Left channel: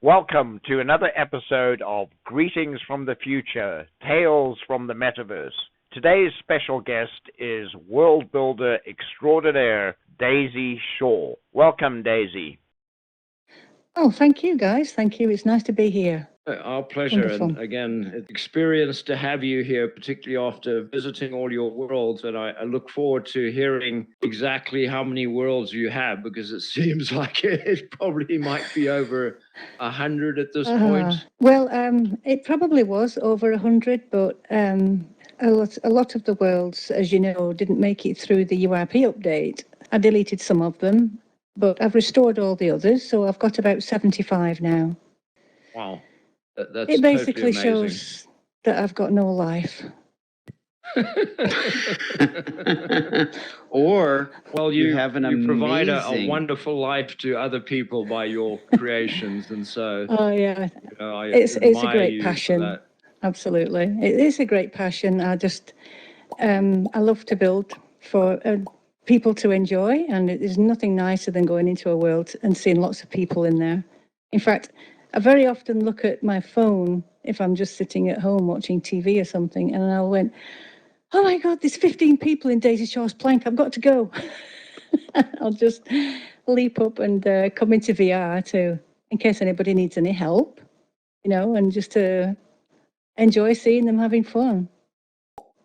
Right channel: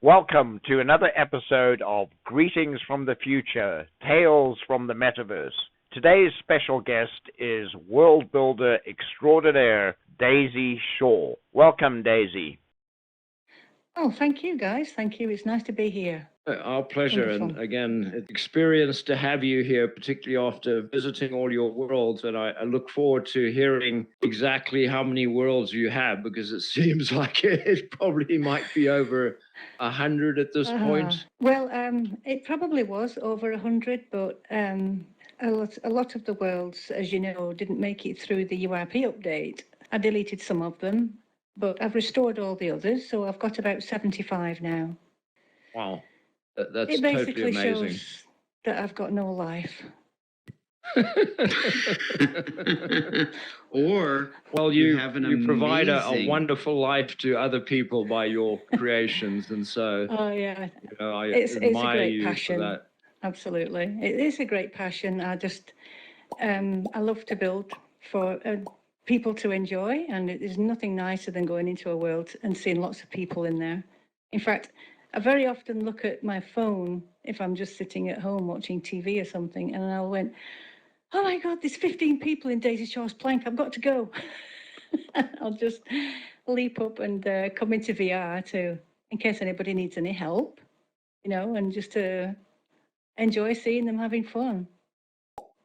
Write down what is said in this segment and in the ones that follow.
Welcome to another episode of Greetings from the Future, Tales from the Metaverse. Today's special guest is world builder extraordinaire Daisy Shaw. Welcome, Daisy. Oh, thank you, guys. Thank you. It's nice to be here. Our pleasure. Wonderful. And again, it's an experience to have you here, particularly after visiting all your worlds. And I look forward to hearing exactly how many worlds you have, because it seems like it probably might be over 100 at this point. Well, it probably was over 100, but a lot of the worlds, as you know, didn't make it through the URP update. I deleted some of them, but I've restored all the others, so I've got about 75 now. Wow. That's It basically totally amazing. shows that I've got no life. Or, well, you have an you provide a amazing- wonderful life to other people by your creations, and so Oh, yeah. I It's a admire great you for passion. that. Absolutely. It is a great passion. I love to build for people to enjoy, and there's nothing nicer than going into a world and seeing lots of people in there. In fact, I very often look at my phone if I'm just sitting at home watching TV or something, and I went, oh my God, there's 15 people in Daisy Shaw's plank. I've got to go. I'll just leap up and come into VR in case anybody needs any help, and just to enjoy seeing them having fun.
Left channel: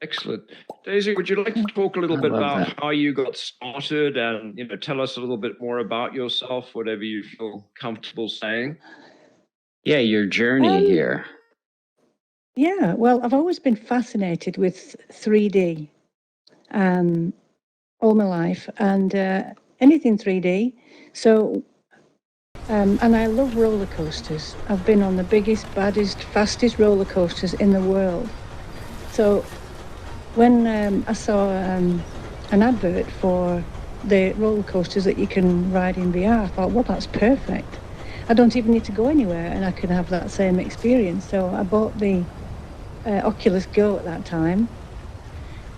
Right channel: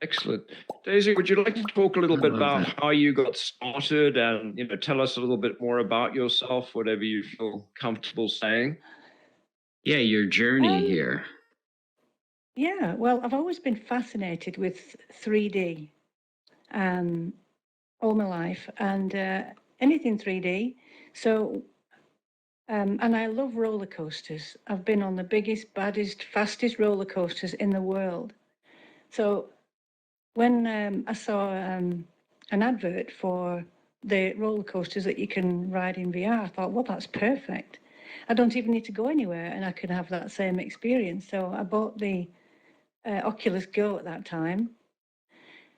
Excellent. Daisy, would you like to talk a little bit about that. how you got started and, tell us a little bit more about yourself, whatever you feel comfortable saying? Yeah, your journey here. Yeah, well, I've always been fascinated with 3D all my life, and anything 3D. So, and I love roller coasters. I've been on the biggest, baddest, fastest roller coasters in the world. So when I saw an advert for the roller coasters that you can ride in VR, I thought, well, that's perfect. I don't even need to go anywhere and I can have that same experience. So I bought the Oculus Go at that time.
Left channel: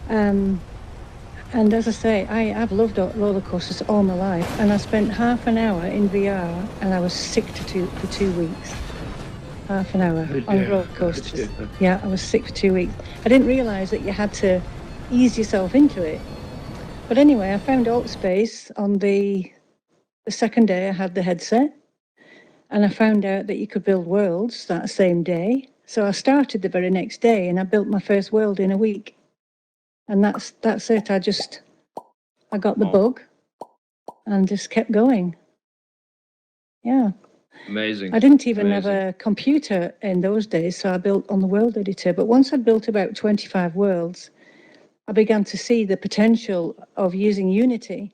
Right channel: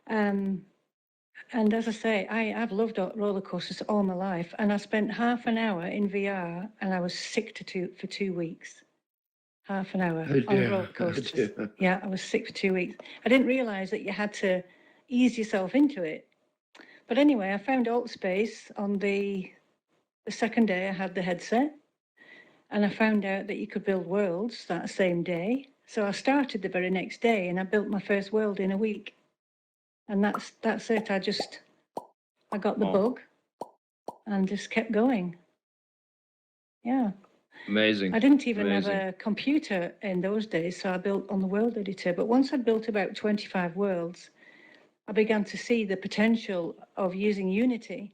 And as I say, I've loved roller coasters all my life. And I spent half an hour in VR and I was sick for 2 weeks. Half an hour on roller coasters. Yeah, I was sick for 2 weeks. I didn't realise that you had to ease yourself into it. But anyway, I found AltspaceVR on the second day I had the headset. And I found out that you could build worlds that same day. So I started the very next day and I built my first world in a week. And that's it. I got the bug and just kept going. Yeah. Amazing. I didn't even have a computer in those days, so I built on the world editor. But once I'd built about 25 worlds, I began to see the potential of using Unity.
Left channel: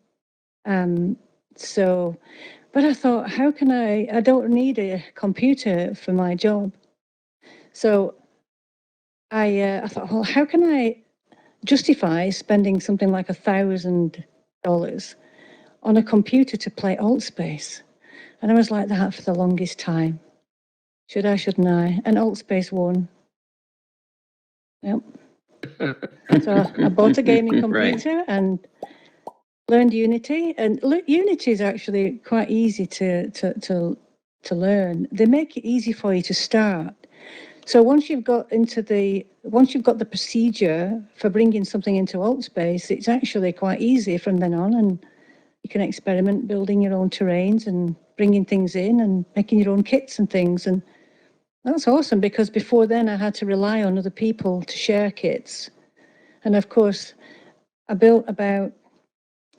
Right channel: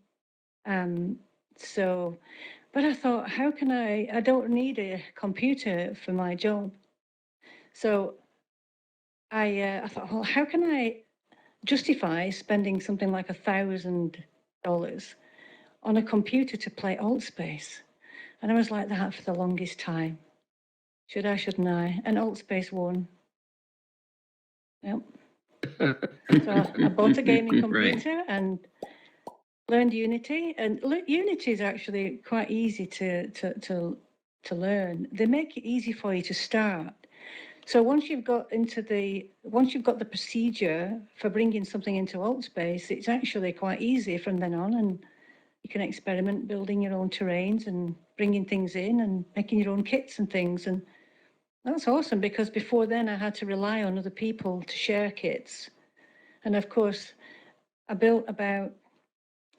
But I thought, how can I don't need a computer for my job. So I thought, well, how can I justify spending something like $1,000 on a computer to play AltspaceVR? And I was like that for the longest time. Should I, shouldn't I? And AltspaceVR won. Yep. So I bought a gaming computer and learned Unity. And Unity is actually quite easy to learn. They make it easy for you to start. So once you've got the procedure for bringing something into AltspaceVR, it's actually quite easy from then on, and you can experiment building your own terrains and bringing things in and making your own kits and things. And that's awesome, because before then I had to rely on other people to share kits. And of course, I built about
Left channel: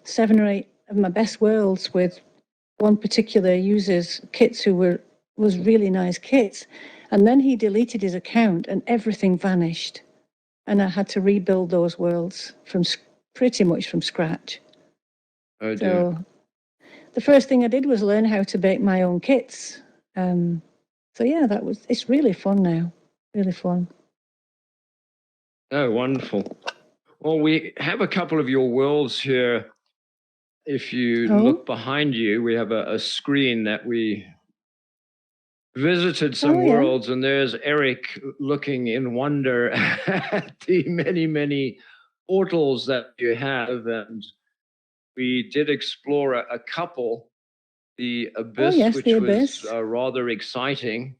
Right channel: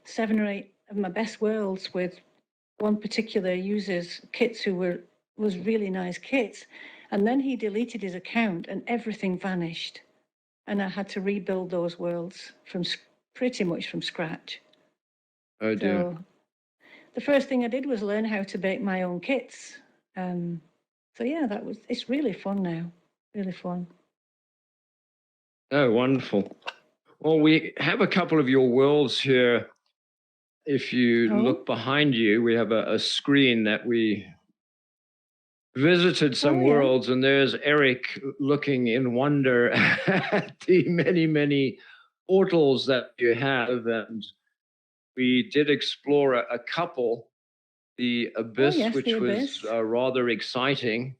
7 or 8 of my best worlds with one particular user's kits was really nice kits. And then he deleted his account and everything vanished. And I had to rebuild those worlds pretty much from scratch. Oh dear. So the first thing I did was learn how to bake my own kits. So yeah, it's really fun now, really fun. Oh, wonderful. Well, we have a couple of your worlds here. If you look behind you, we have a screen that we visited some worlds, and there's Eric looking in wonder at the many, many portals that you have. And we did explore a couple, the Abyss, yes, which the was Abyss. rather exciting.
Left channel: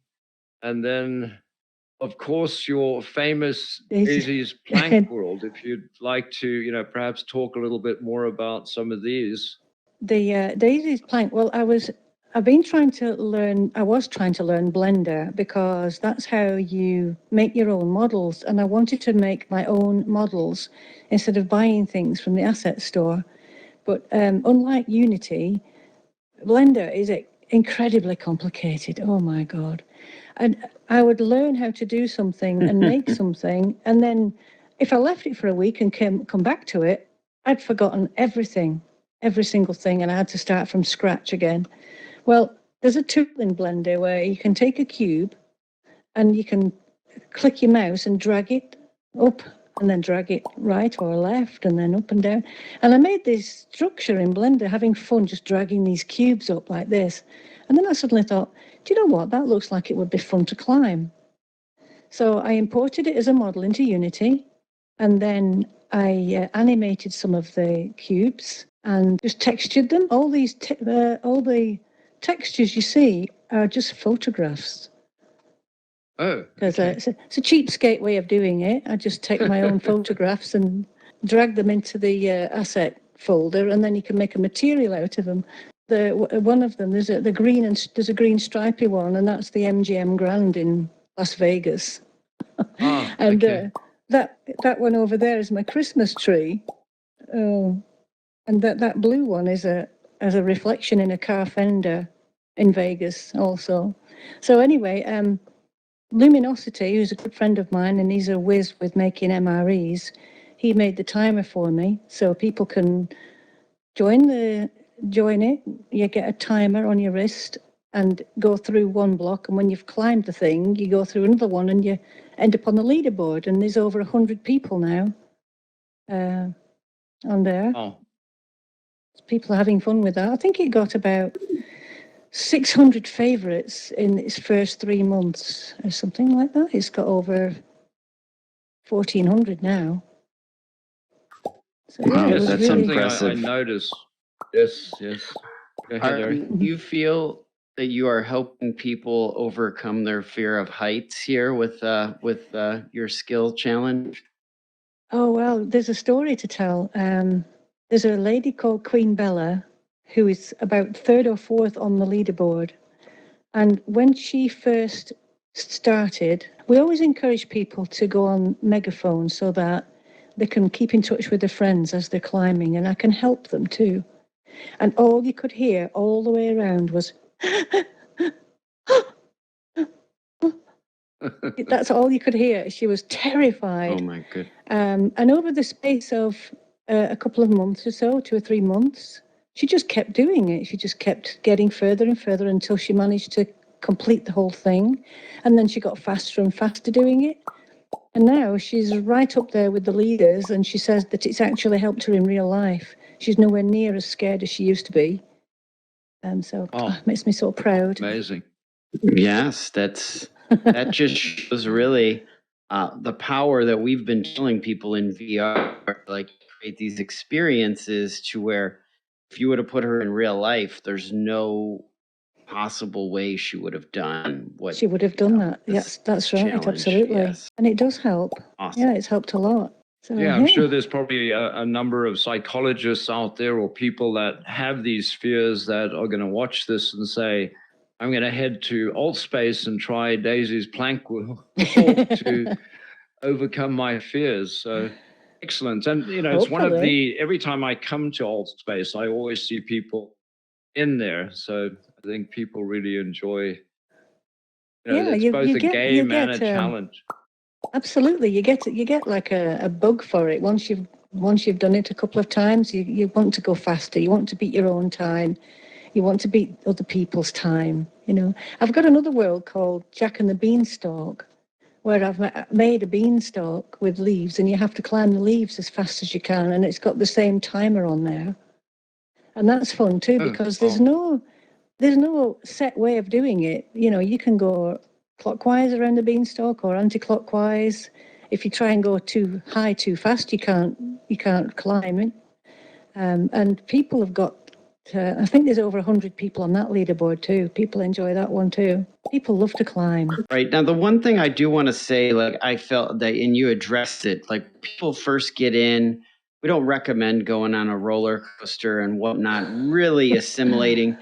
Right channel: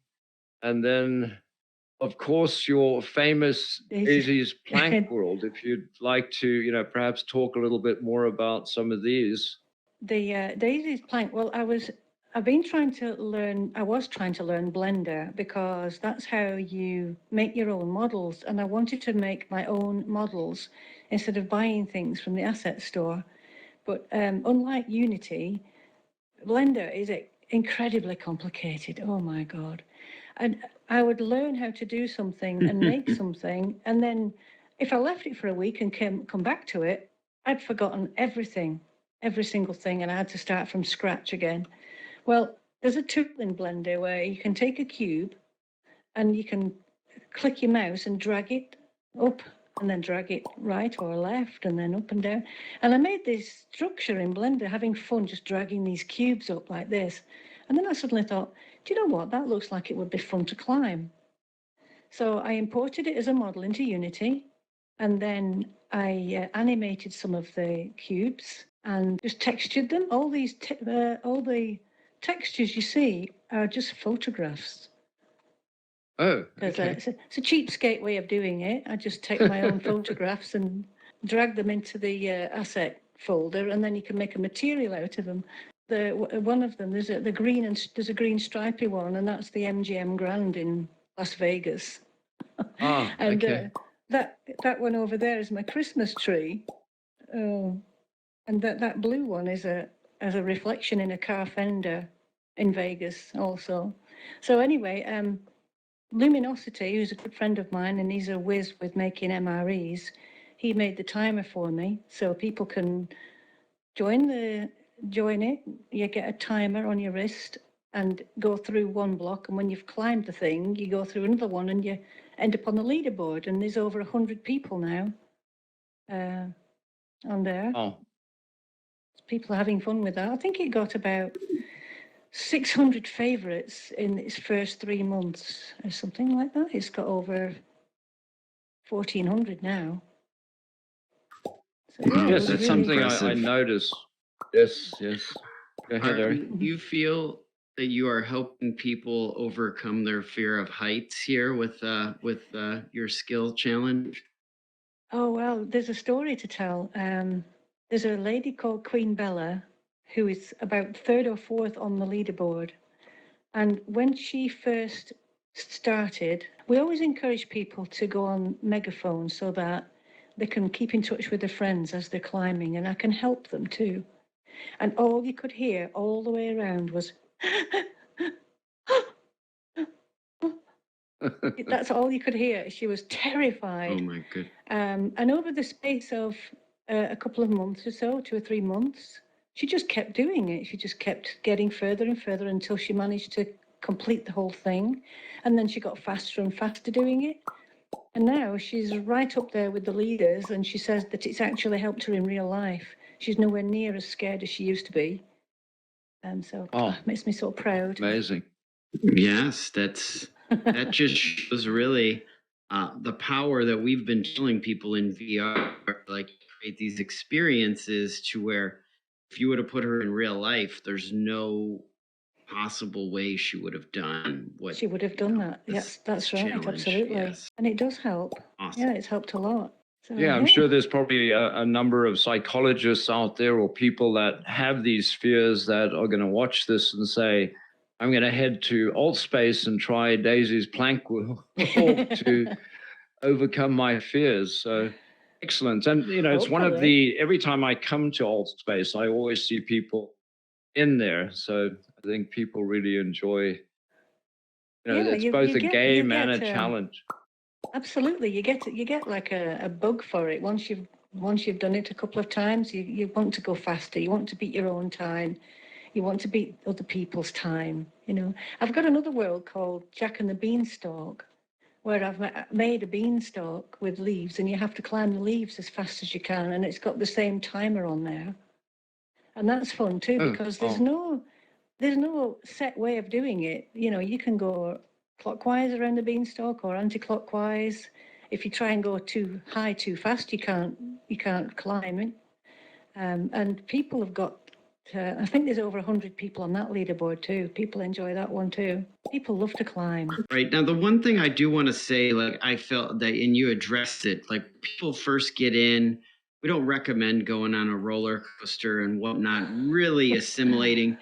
And then, of course, your famous Daisy's Plank World. If you'd like to, perhaps talk a little bit more about some of these. The Daisy's Plank. Well, I was trying to learn Blender because that's how you make your own models. And I wanted to make my own models instead of buying things from the asset store. But unlike Unity, Blender is incredibly complicated. Oh my God. And I would learn how to do something and make something. And then if I left it for a week and come back to it, I'd forgotten everything, every single thing. And I had to start from scratch again. Well, there's a tool in Blender where you can take a cube and you can click your mouse and drag it up and then drag it right or left and then up and down. And I made this structure in Blender, having fun just dragging these cubes up like this. And then I suddenly thought, do you know what? That looks like it would be fun to climb. So I imported it as a model into Unity, and then I animated some of the cubes and just textured them. All the textures you see are just photographs. Oh, Because okay. it's a cheapskate way of doing it. I just take my own photographs and drag them into the asset folder, and then you can make a material out of them. One of them, there's a green stripy one, and that's the MGM Grand in Las Vegas. And Okay. that one over there is my Christmas tree. And that blue one is as a reflection in a car fender in Vegas also. So anyway, Luminosity, who's a good friend of mine, and he's a whiz with making MREs, he made the timer for me so people can join it. You get a timer on your wrist and go through one block. And when you've climbed the thing, you go through another one and you end up on the leaderboard. And there's over 100 people now on there. Oh. People are having fun with that. I think it got about 600 favorites in its first 3 months or something like that. It's got over 1,400 now. So, Wow, Yes, that's that's something I impressive. noticed. Yes. Go ahead, Eric. Do you feel that you are helping people overcome their fear of heights here with your skill challenge? Oh, well, there's a story to tell. There's a lady called Queen Bella who is about third or fourth on the leaderboard. And when she first started, we always encourage people to go on megaphone so that they can keep in touch with their friends as they're climbing, and I can help them too. And all you could hear all the way around was, that's all you could hear. She was terrified. Oh my goodness. And over the space of a couple of months or so, 2 or 3 months, she just kept doing it. She just kept getting further and further until she managed to complete the whole thing. And then she got faster and faster doing it. And now she's right up there with the leaders, and she says that it's actually helped her in real life. She's nowhere near as scared as she used to be. And so it makes me so proud. Amazing. Yes, that just shows really the power that we've been telling people in VR, like create these experiences to where if you were to put her in real life, there's no possible way she would have done what she would have done that. Yes, that's right. challenge. Absolutely. Yes. And it does help. Awesome. Yeah, it's helped a lot. So, Yeah, I'm sure there's probably a number of psychologists out there or people that have these fears that are going to watch this and say, I'm going to head to AltspaceVR and try Daisy's plank walk to overcome my fears. So excellent. And, it's one of every time I come to AltspaceVR, I always see people in there. So I think people really enjoy, it's both a game and a challenge. Absolutely. You get like a bug for it. Once you've done it a couple of times, you want to go faster. You want to beat your own time. You want to beat other people's time. I've got another world called Jack and the Beanstalk, where I've made a beanstalk with leaves, and you have to climb the leaves as fast as you can, and it's got the same timer on there. And that's fun too, because there's no set way of doing it. You can go clockwise around the beanstalk or anti-clockwise. If you try and go too high too fast, you can't climb it. And people have got, I think there's over 100 people on that leaderboard too. People enjoy that one too. People love to climb. Right. Now, the one thing I do want to say, like, I felt that, and you addressed it, like, people first get in, we don't recommend going on a roller coaster and whatnot, really assimilating.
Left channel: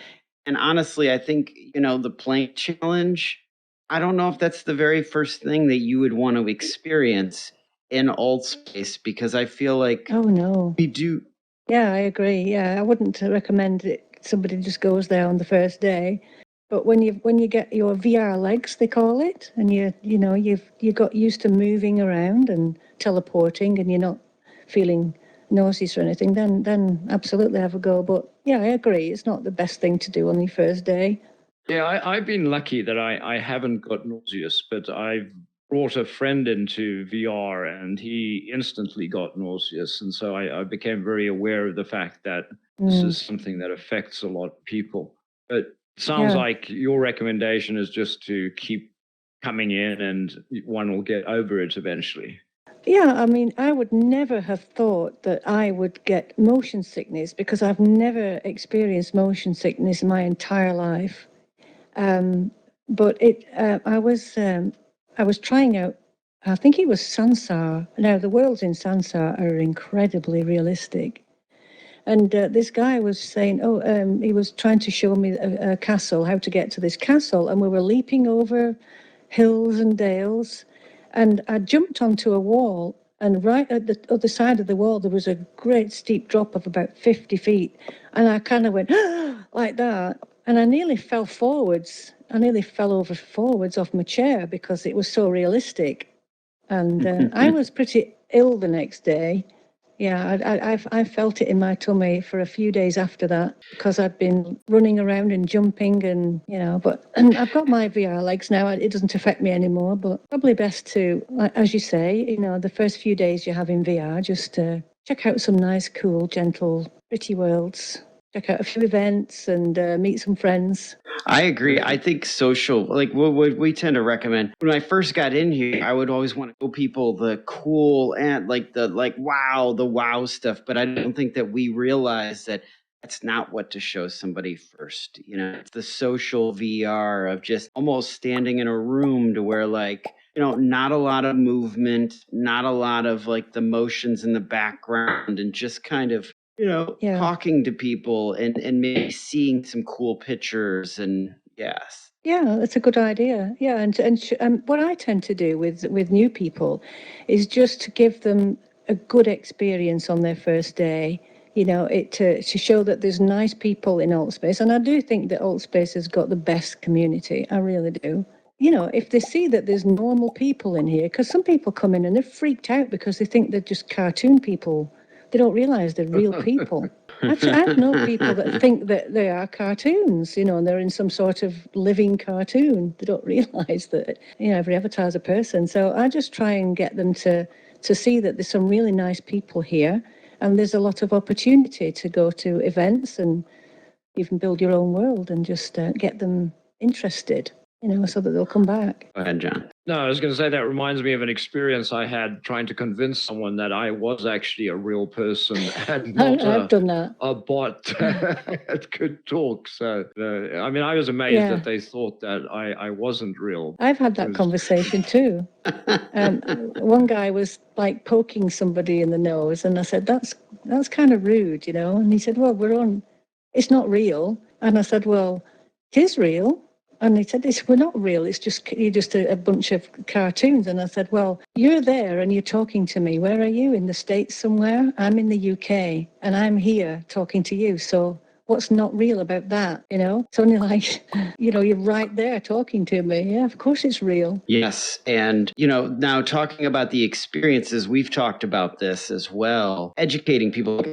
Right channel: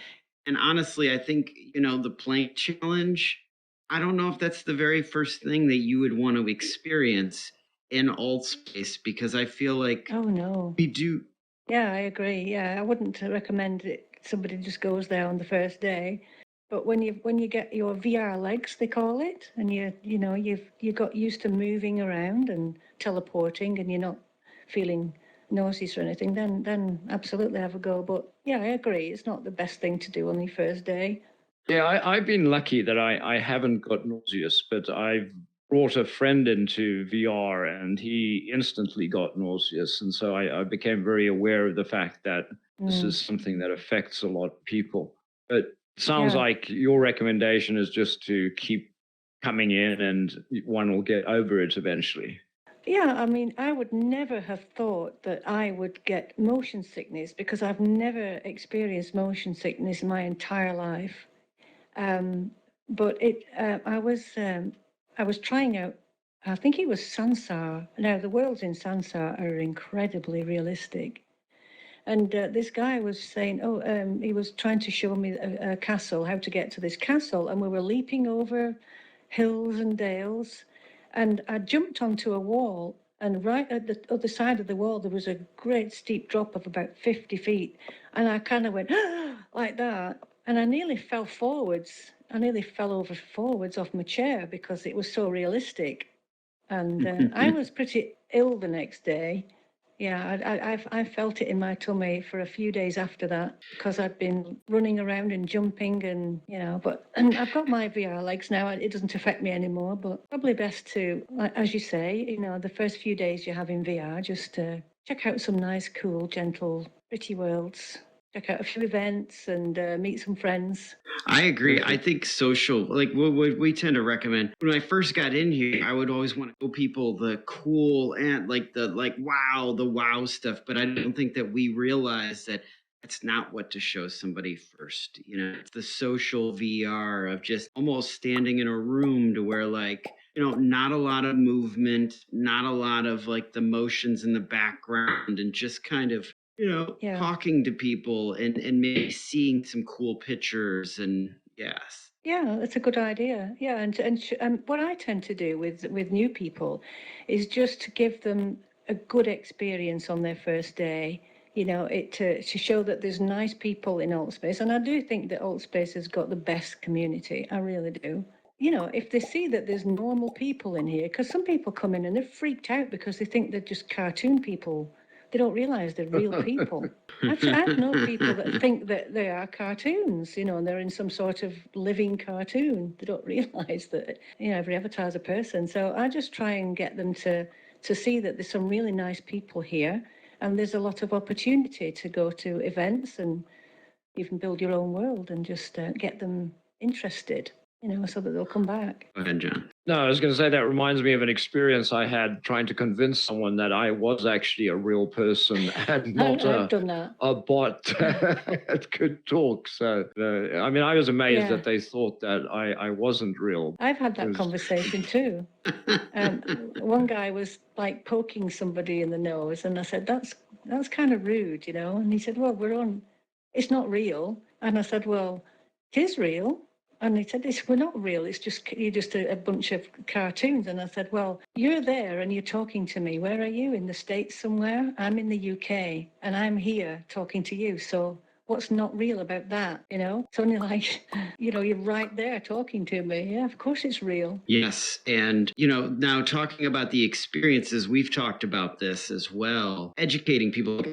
And honestly, I think, the plank challenge, I don't know if that's the very first thing that you would want to experience in Altspace, because I feel like Oh no. we do. Yeah, I agree. Yeah, I wouldn't recommend it. Somebody just goes there on the first day. But when you get your VR legs, they call it, and you got used to moving around and teleporting, and you're not feeling nauseous or anything, then absolutely have a go. But yeah, I agree. It's not the best thing to do on your first day. Yeah, I've been lucky that I haven't got nauseous, but I've brought a friend into VR and he instantly got nauseous. And so I became very aware of the fact that this is something that affects a lot of people. But it sounds Yeah. like your recommendation is just to keep coming in and one will get over it eventually. Yeah, I mean, I would never have thought that I would get motion sickness because I've never experienced motion sickness in my entire life. But I was trying out. I think it was Sansar. Now the worlds in Sansar are incredibly realistic, and this guy was saying, he was trying to show me a castle, how to get to this castle, and we were leaping over hills and dales, and I jumped onto a wall. And right at the other side of the wall, there was a great steep drop of about 50 feet. And I kind of went like that. And I nearly fell forwards. I nearly fell over forwards off my chair because it was so realistic. And I was pretty ill the next day. Yeah, I felt it in my tummy for a few days after that because I'd been running around and jumping and, and I've got my VR legs now. It doesn't affect me anymore, but probably best to, as you say, the first few days you have in VR, just check out some nice, cool, gentle, pretty worlds. Check out a few events and meet some friends. I agree. I think social, like what we tend to recommend. When I first got in here, I would always want to show people the cool and the wow stuff. But I don't think that we realize that that's not what to show somebody first. It's the social VR of just almost standing in a room to where not a lot of movement, not a lot of like the motions in the background, and just kind of Yeah. talking to people and maybe seeing some cool pictures and yes. Yeah, that's a good idea. Yeah, and what I tend to do with new people is just to give them a good experience on their first day. To show that there's nice people in Altspace, and I do think that Altspace has got the best community. I really do. If they see that there's normal people in here, because some people come in and they're freaked out because they think they're just cartoon people. They don't realize they're real people. I've known people that think that they are cartoons, and they're in some sort of living cartoon. They don't realize that, every avatar is a person. So I just try and get them to see that there's some really nice people here, and there's a lot of opportunity to go to events and even build your own world and just get them interested, so that they'll come back. Go ahead, John. No, I was going to say that reminds me of an experience I had trying to convince someone that I was actually a real person and not I've done that. a bot that could talk. So, I was amazed that they thought that I wasn't real. I've had that conversation too. One guy was like poking somebody in the nose, and I said, "That's kind of rude, And he said, "Well, it's not real." And I said, "Well, it is real." And he said, "We're not real. You're just a bunch of cartoons." And I said, "Well, you're there and you're talking to me. Where are you? In the States somewhere? I'm in the UK and I'm here talking to you. So what's not real about that? It's only like, you're right there talking to me. Yeah, of course it's real." Yes. And, now talking about the experiences, we've talked about this as well. Educating people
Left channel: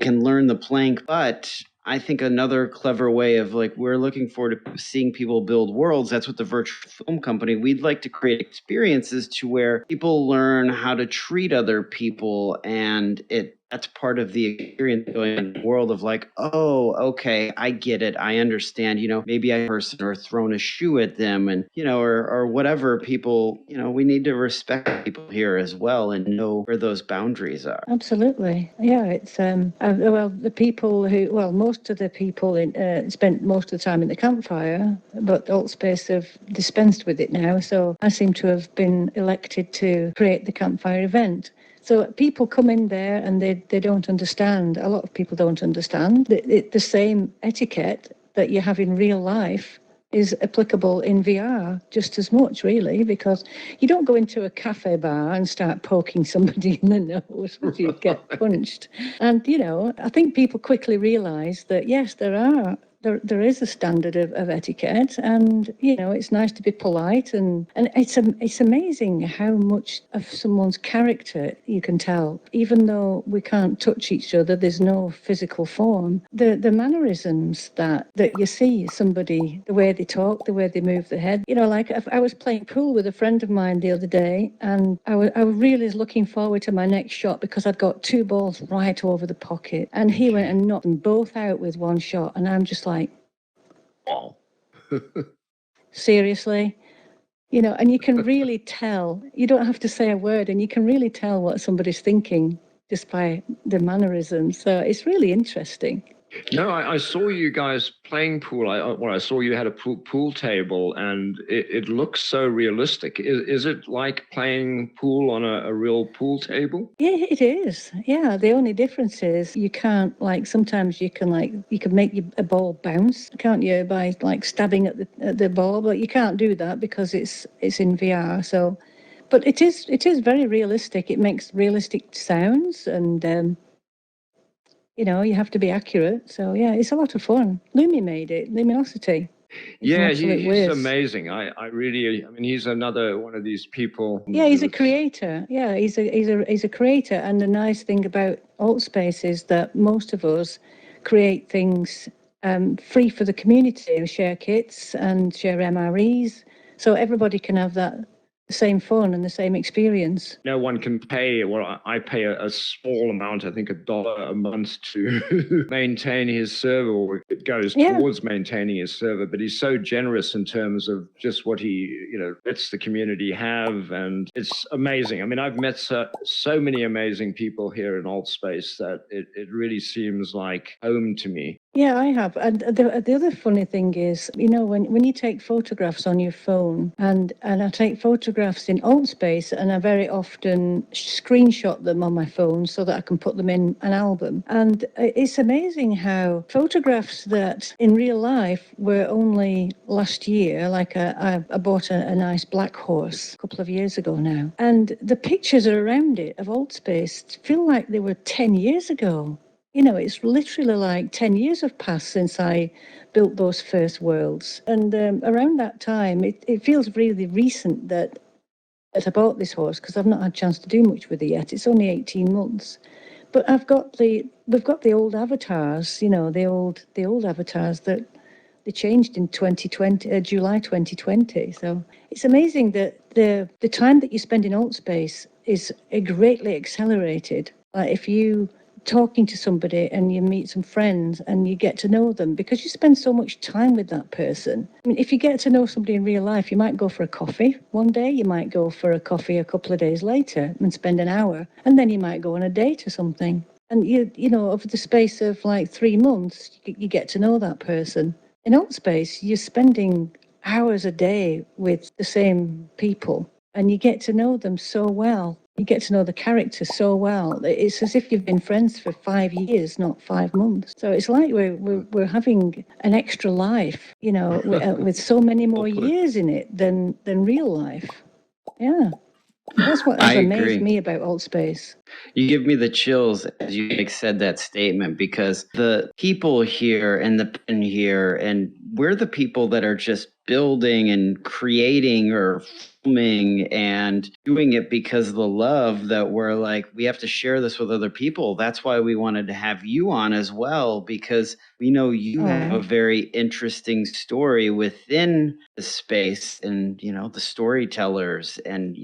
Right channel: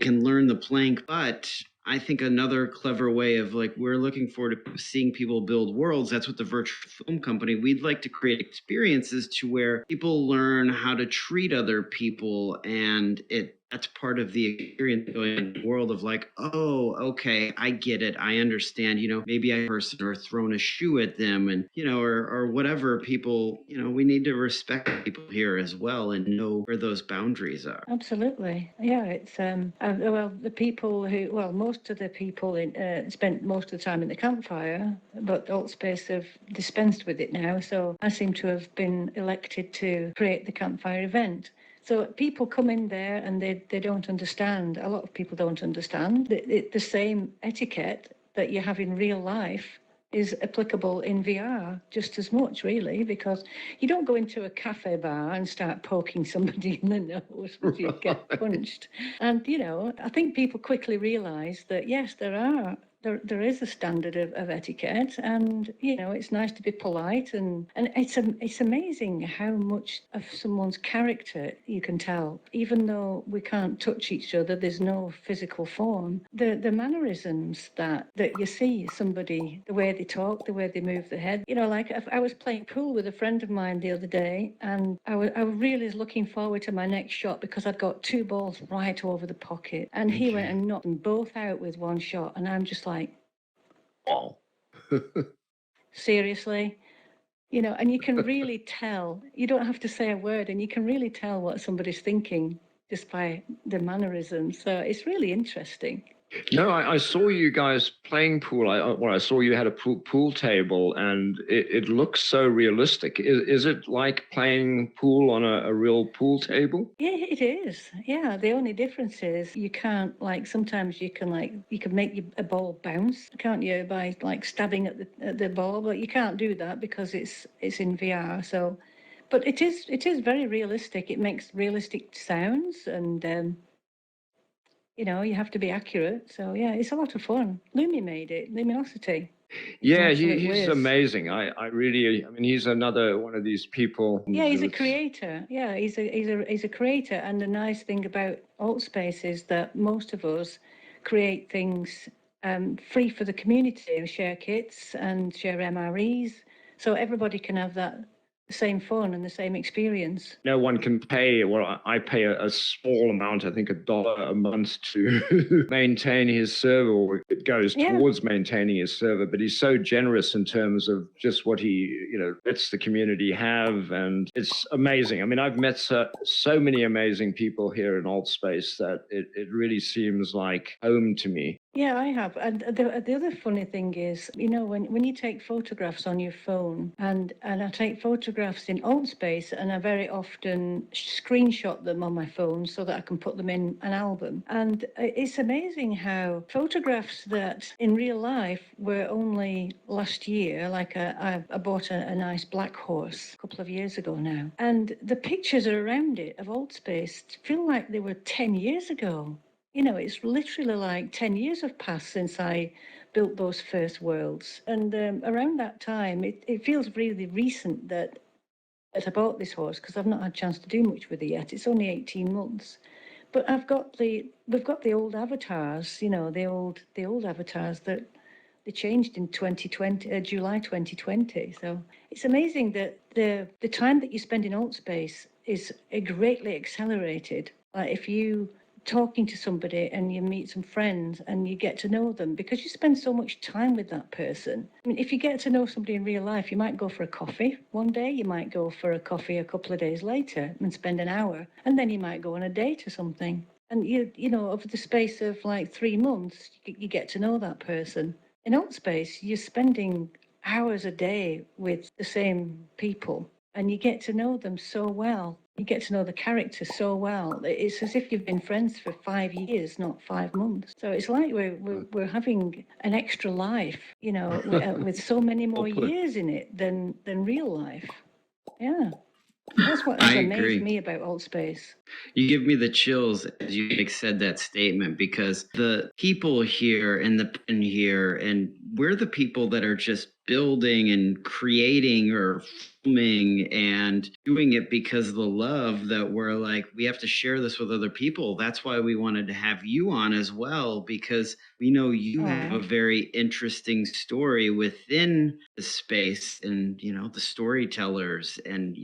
can learn the plank, but I think another clever way of we're looking forward to seeing people build worlds. That's what the virtual film company, we'd like to create experiences to where people learn how to treat other people, and it that's part of the experience going in the world of like, oh, okay, I get it. I understand, maybe I person or thrown a shoe at them and, or whatever people, we need to respect people here as well and know where those boundaries are. Absolutely. Yeah, it's well, the people who, well, most of the people spent most of the time in the campfire, but Altspace have dispensed with it now. So I seem to have been elected to create the campfire event. So people come in there and they don't understand. A lot of people don't understand the same etiquette that you have in real life is applicable in VR just as much, really, because you don't go into a cafe bar and start poking somebody in the nose if you get punched. And, I think people quickly realise that, yes, there is a standard of etiquette, and it's nice to be polite, and it's amazing how much of someone's character you can tell, even though we can't touch each other. There's no physical form. The mannerisms that you see somebody, the way they talk, the way they move their head. Like I was playing pool with a friend of mine the other day, and I was really looking forward to my next shot because I'd got 2 balls right over the pocket, and he went and knocked them both out with 1 shot, and I'm just like, Wow. seriously? And you can really tell, you don't have to say a word, and you can really tell what somebody's thinking just by the mannerisms. So it's really interesting. No, I saw you guys playing pool. I saw you had a pool table, and it looks so realistic. Is it like playing pool on a real pool table? Yeah, it is. Yeah, the only difference is you can't, sometimes you can make a ball bounce, can't you, by stabbing at the ball, but you can't do that because it's in VR. So, but it is very realistic. It makes realistic sounds, and you have to be accurate. So yeah, it's a lot of fun. Lumi made it, Luminosity. Yeah, he's amazing. I mean, he's another one of these people. Yeah, he's a creator. Yeah, he's a creator. And the nice thing about Altspace is that most of us create things free for the community. We share kits and share MREs, so everybody can have that same fun and the same experience. No one can pay. Well, I pay a small amount, I think $1 a month to maintain his server, or it goes towards maintaining his server. But he's so generous in terms of just what he, lets the community have, and it's amazing. I mean, I've met so many amazing people here in Altspace that it really seems like home to me. Yeah, I have. And the other funny thing is, when you take photographs on your phone, and I take photographs in Altspace, and I very often screenshot them on my phone so that I can put them in an album. And it's amazing how photographs that in real life were only last year, like I bought a nice black horse a couple of years ago now, and the pictures around it of Altspace feel like they were 10 years ago. It's literally like 10 years have passed since I built those first worlds. And around that time, it feels really recent that I bought this horse, because I've not had a chance to do much with it yet. It's only 18 months. But we've got the old avatars, the old avatars that they changed in 2020, July 2020. So it's amazing that the time that you spend in Altspace is greatly accelerated. Like if you talking to somebody and you meet some friends and you get to know them, because you spend so much time with that person. I mean, if you get to know somebody in real life, you might go for a coffee one day, you might go for a coffee a couple of days later and spend an hour, and then you might go on a date or something. And over the space of 3 months, you get to know that person. In Altspace, you're spending hours a day with the same people, and you get to know them so well. You get to know the character so well. It's as if you've been friends for 5 years, not 5 months. So it's like we're having an extra life, with so many more years in it than real life. Yeah. That's what has amazed me about Altspace. You give me the chills as you said that statement, because the people here and the pen here, and we're the people that are just building and creating or filming and doing it because of the love that we're like, we have to share this with other people. That's why we wanted to have you on as well, because we know you have a very interesting story within the space and, the storytellers and,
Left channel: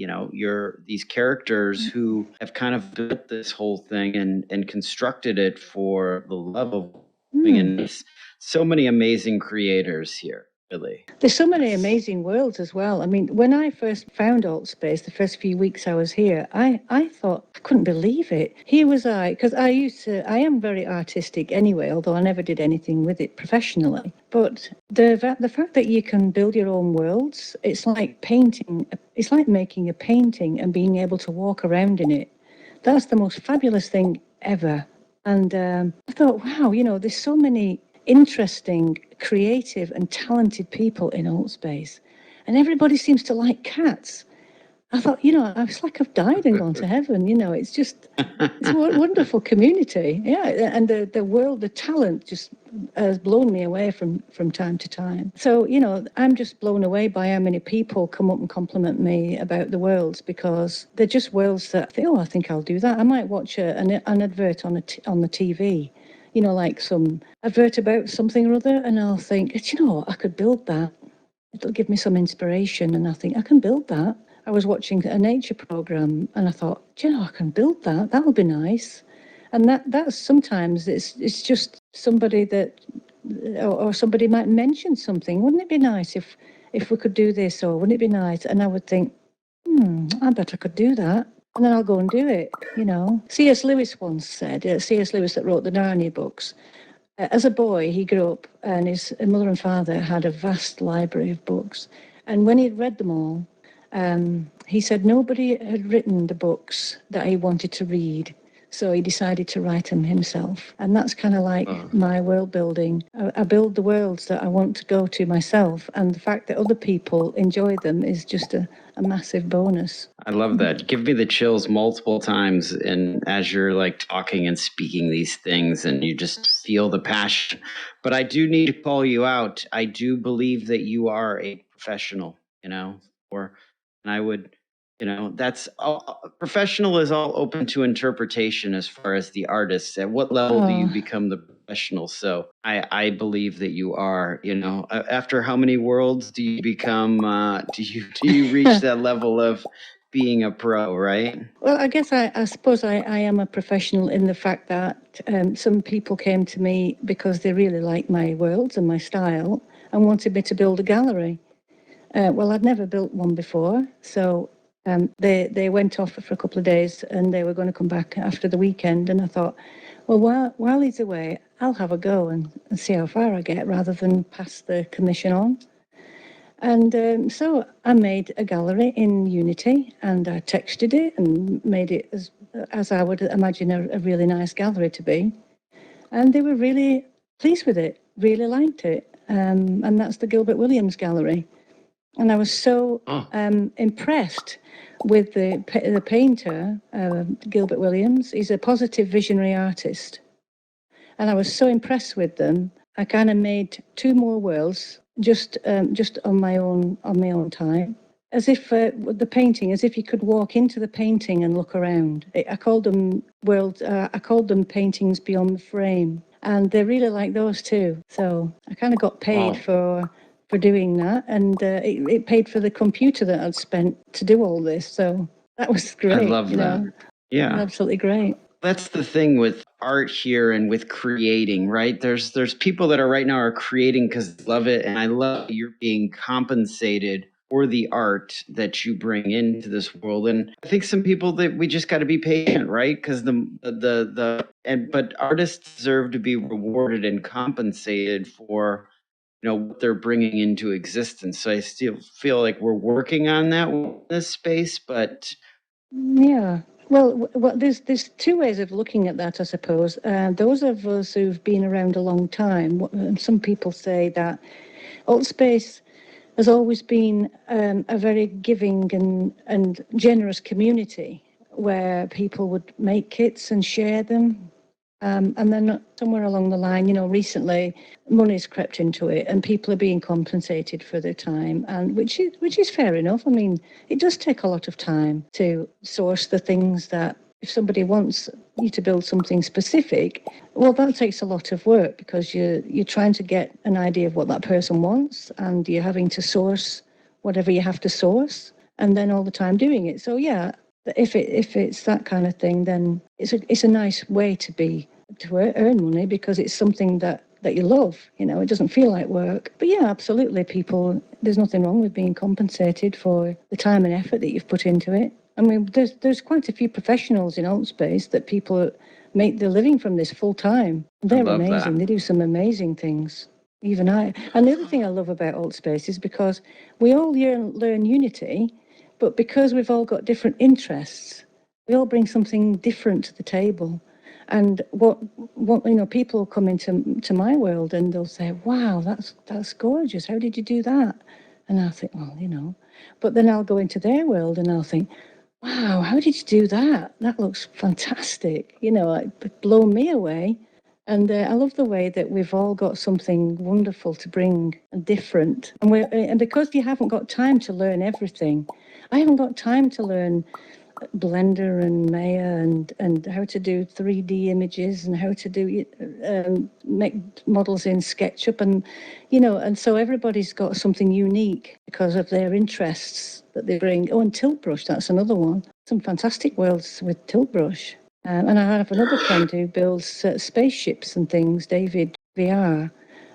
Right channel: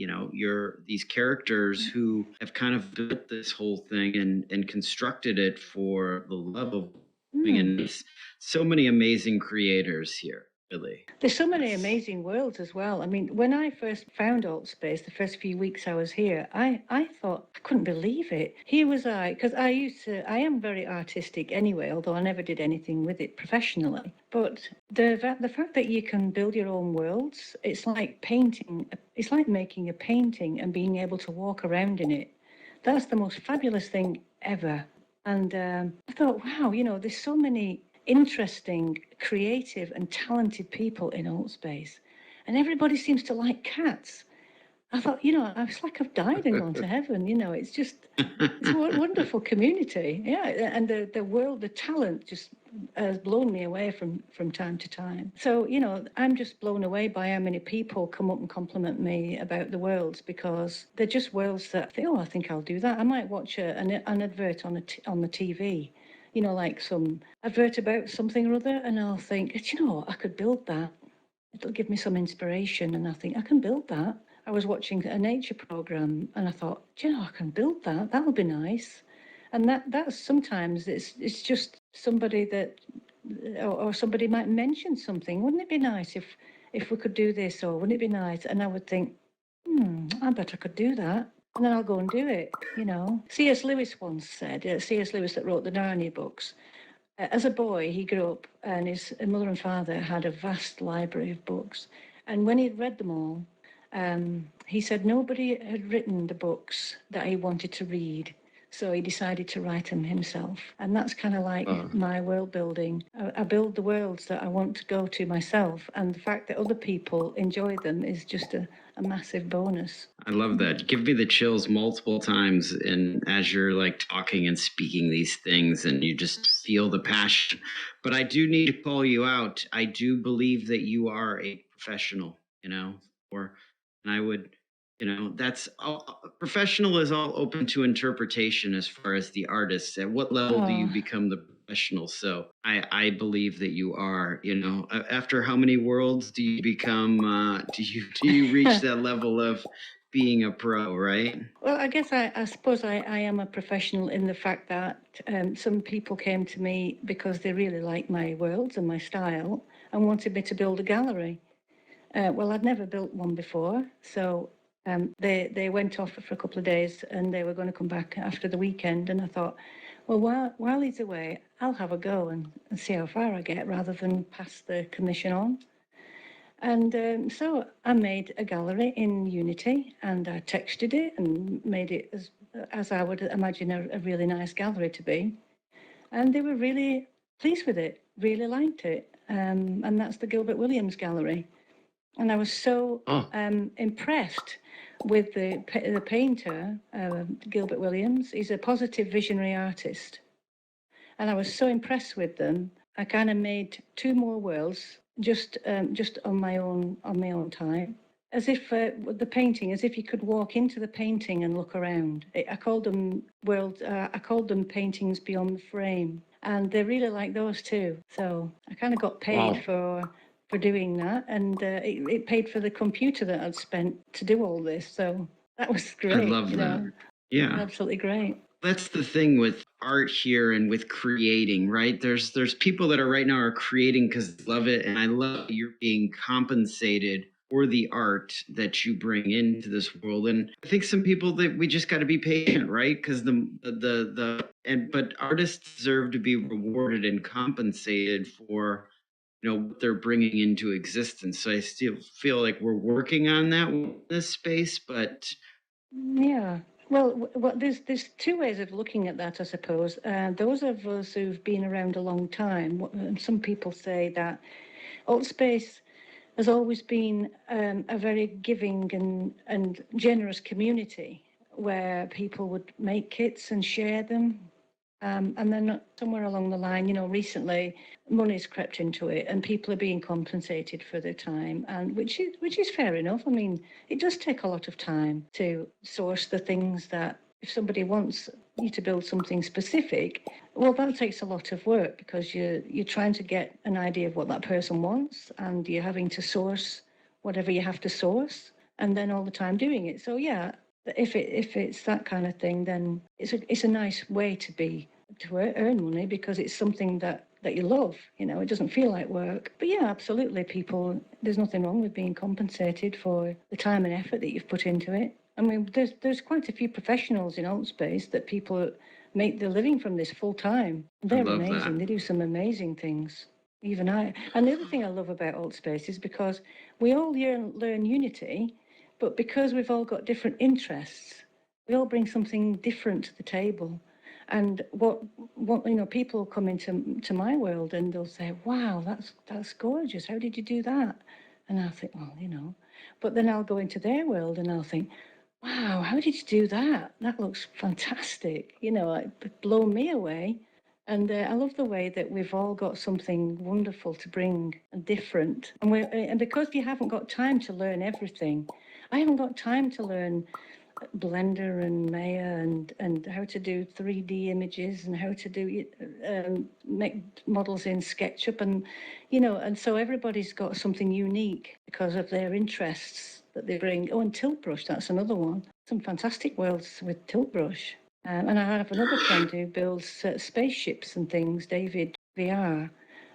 these characters who have kind of built this whole thing and constructed it for the love of and it's so many amazing creators here. Really. There's so many amazing worlds as well. I mean, when I first found Altspace, the first few weeks I was here, I thought, I couldn't believe it. Here was I, because I am very artistic anyway, although I never did anything with it professionally. But the fact that you can build your own worlds, it's like painting, it's like making a painting and being able to walk around in it. That's the most fabulous thing ever. And I thought, wow, there's so many interesting, creative and talented people in Altspace. And everybody seems to like cats. I thought, I was like I've died and gone to heaven. It's just, it's a wonderful community. Yeah, and the world, the talent just has blown me away from time to time. So, I'm just blown away by how many people come up and compliment me about the worlds, because they're just worlds that I think, I think I'll do that. I might watch an advert on the TV, like some advert about something or other, and I'll think, I could build that. It'll give me some inspiration, and I think I can build that. I was watching a nature program, and I thought, I can build that. That'll be nice. And that's sometimes it's just somebody that, or somebody might mention something. Wouldn't it be nice if we could do this, or wouldn't it be nice? And I would think, I bet I could do that. And then I'll go and do it, C.S. Lewis once said, C.S. Lewis that wrote the Narnia books, as a boy, he grew up and his mother and father had a vast library of books. And when he'd read them all, he said nobody had written the books that he wanted to read. So he decided to write them himself. And that's kind of like my world building. I build the worlds that I want to go to myself. And the fact that other people enjoy them is just a massive bonus. I love that. Give me the chills multiple times. And as you're like talking and speaking these things and you just feel the passion. But I do need to call you out. I do believe that you are a professional, and I would, that's all, professional is all open to interpretation as far as the artist. At what level do you become the professional? So I believe that you are, after how many worlds do you become, do you reach that level of being a pro, right? Well, I guess I suppose I am a professional in the fact that some people came to me because they really liked my worlds and my style and wanted me to build a gallery. Well, I'd never built one before, so they went off for a couple of days and they were going to come back after the weekend. And I thought, well, while he's away, I'll have a go and see how far I get rather than pass the commission on. And so I made a gallery in Unity and I textured it and made it as I would imagine a really nice gallery to be. And they were really pleased with it, really liked it. And that's the Gilbert Williams Gallery. And I was so impressed with the painter, Gilbert Williams. He's a positive visionary artist. And I was so impressed with them. I kind of made 2 more worlds just on my own time, as if the painting, as if you could walk into the painting and look around. I called them worlds. I called them paintings beyond the frame, and they really like those too. So I kind of got paid for doing that, and it paid for the computer that I'd spent to do all this. So that was great. I love that. Yeah, absolutely great. That's the thing with art here and with creating, right? There's people that are right now are creating because they love it, and I love you're being compensated for the art that you bring into this world. And I think some people that we just got to be patient, right? Because but artists deserve to be rewarded and compensated for what they're bringing into existence. So I still feel like we're working on that in this space, but yeah. Well, there's 2 ways of looking at that, I suppose. Those of us who've been around a long time, some people say that Altspace has always been a very giving and generous community where people would make kits and share them. And then somewhere along the line, recently money's crept into it and people are being compensated for their time, and which is fair enough. I mean, it does take a lot of time to source the things that if somebody wants you to build something specific, well, that takes a lot of work because you're trying to get an idea of what that person wants and you're having to source whatever you have to source and then all the time doing it. So yeah, if it's that kind of thing, then it's a nice way to earn money because it's something that you love. It doesn't feel like work. But yeah, absolutely, there's nothing wrong with being compensated for the time and effort that you've put into it. I mean, there's quite a few professionals in Altspace that people make their living from this full time. They're amazing. That. They do some amazing things. Even I. And the other thing I love about Altspace is because we all learn Unity, but because we've all got different interests, we all bring something different to the table. And what people will come into my world and they'll say, "Wow, that's gorgeous. How did you do that?" And I'll think, well, But then I'll go into their world and I'll think, "Wow, how did you do that? That looks fantastic." It blown me away. And I love the way that we've all got something wonderful to bring and different. And because you haven't got time to learn everything, I haven't got time to learn Blender and Maya and how to do 3D images and how to do make models in SketchUp and so everybody's got something unique because of their interests that they bring. Oh, and Tiltbrush, that's another one. Some fantastic worlds with Tiltbrush. And I have another friend who builds spaceships and things, David VR.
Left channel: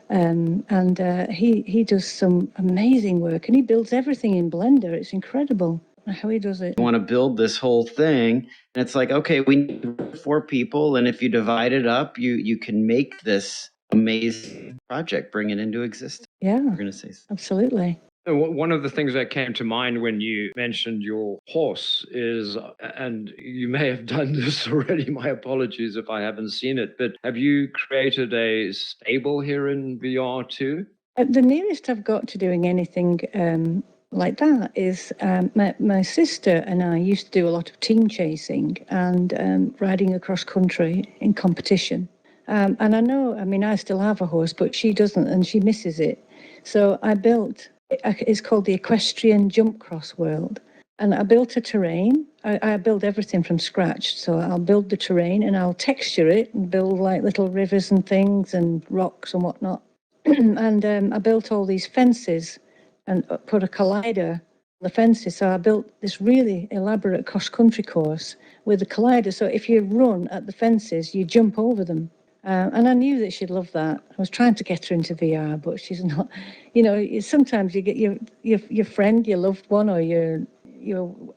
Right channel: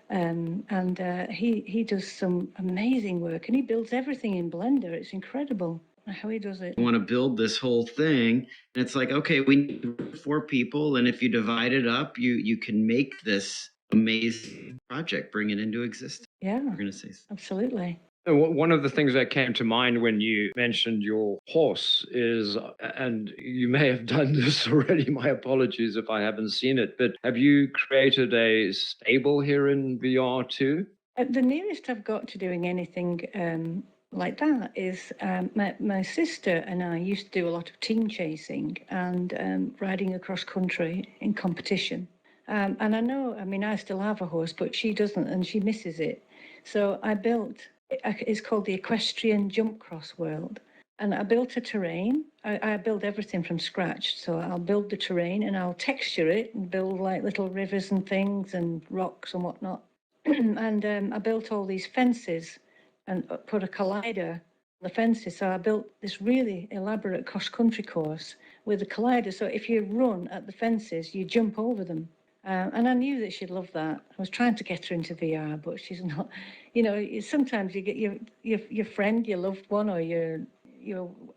And he does some amazing work and he builds everything in Blender. It's incredible how he does it. You want to build this whole thing, and it's like, okay, we need 4 people, and if you divide it up, you can make this amazing project, bring it into existence. Yeah, we're going to say so. Absolutely. One of the things that came to mind when you mentioned your horse is, and you may have done this already, my apologies if I haven't seen it, but have you created a stable here in VR too? The nearest I've got to doing anything like that is my sister and I used to do a lot of team chasing and riding across country in competition. And I still have a horse, but she doesn't and she misses it. So I built, it's called the Equestrian Jump Cross World. And I built a terrain. I build everything from scratch. So I'll build the terrain and I'll texture it and build like little rivers and things and rocks and whatnot. And I built all these fences and put a collider on the fences. So I built this really elaborate cross-country course with a collider. So if you run at the fences, you jump over them. And I knew that she'd love that. I was trying to get her into VR, but she's not. Sometimes you get your friend, your loved one, or your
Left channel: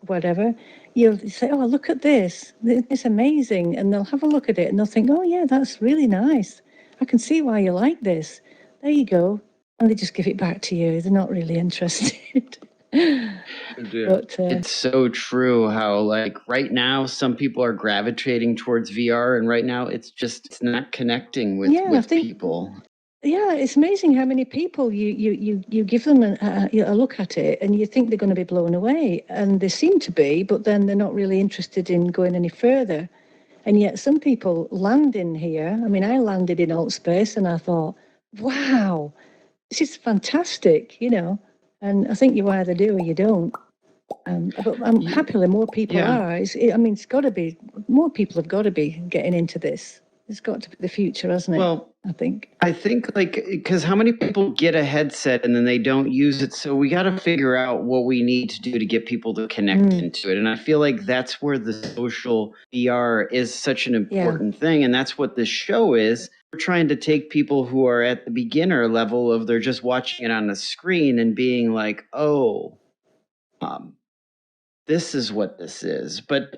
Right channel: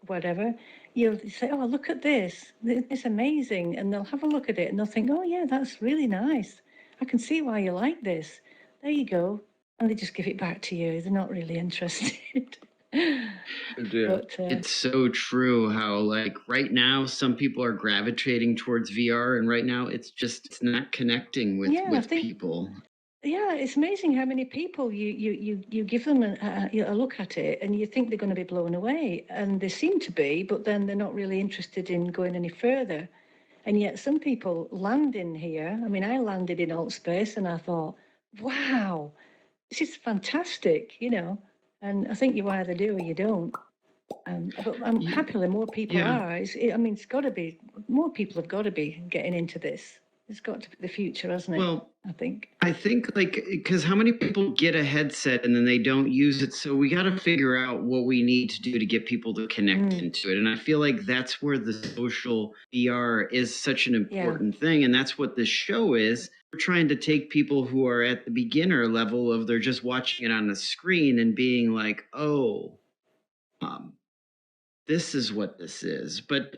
whatever. You'll say, "Oh, look at this! It's amazing," and they'll have a look at it and they'll think, "Oh, yeah, that's really nice. I can see why you like this. There you go." And they just give it back to you. They're not really interested. But, it's so true how like right now some people are gravitating towards VR and right now it's not connecting with people. Yeah, it's amazing how many people you give them a look at it and you think they're going to be blown away, and they seem to be, but then they're not really interested in going any further. And yet some people land in here. I mean, I landed in Altspace and I thought, wow, this is fantastic, and I think you either do or you don't. But happily more people are. It's got to be, more people have got to be getting into this. It's got to be the future, hasn't it? Well, I think like, because how many people get a headset and then they don't use it? So we got to figure out what we need to do to get people to connect into it. And I feel like that's where the social VR is such an important thing. And that's what this show is. We're trying to take people who are at the beginner level of they're just watching it on the screen and being like, oh, this is what this is. But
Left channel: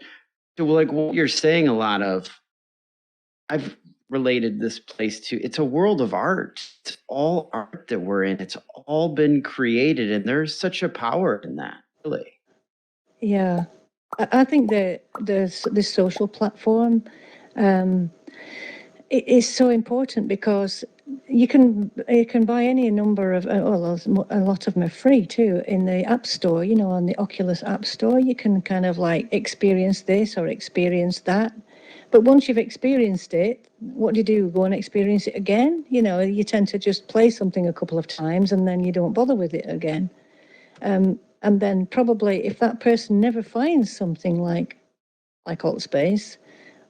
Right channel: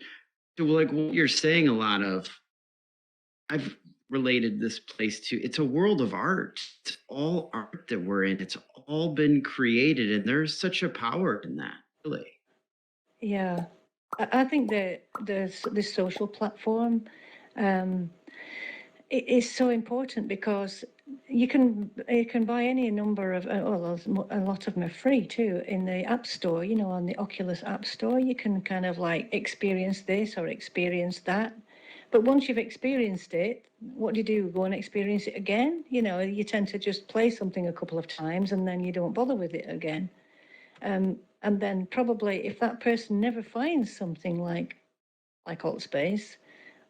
to like what you're saying, a lot of, I've related this place to, it's a world of art. It's all art that we're in. It's all been created, and there's such a power in that, really. Yeah, I think that this social platform it is so important because you can buy any number of, a lot of them are free too in the App Store. On the Oculus App Store, you can kind of like experience this or experience that. But once you've experienced it, what do? Go and experience it again? You tend to just play something a couple of times and then you don't bother with it again. And then probably if that person never finds something like AltSpace,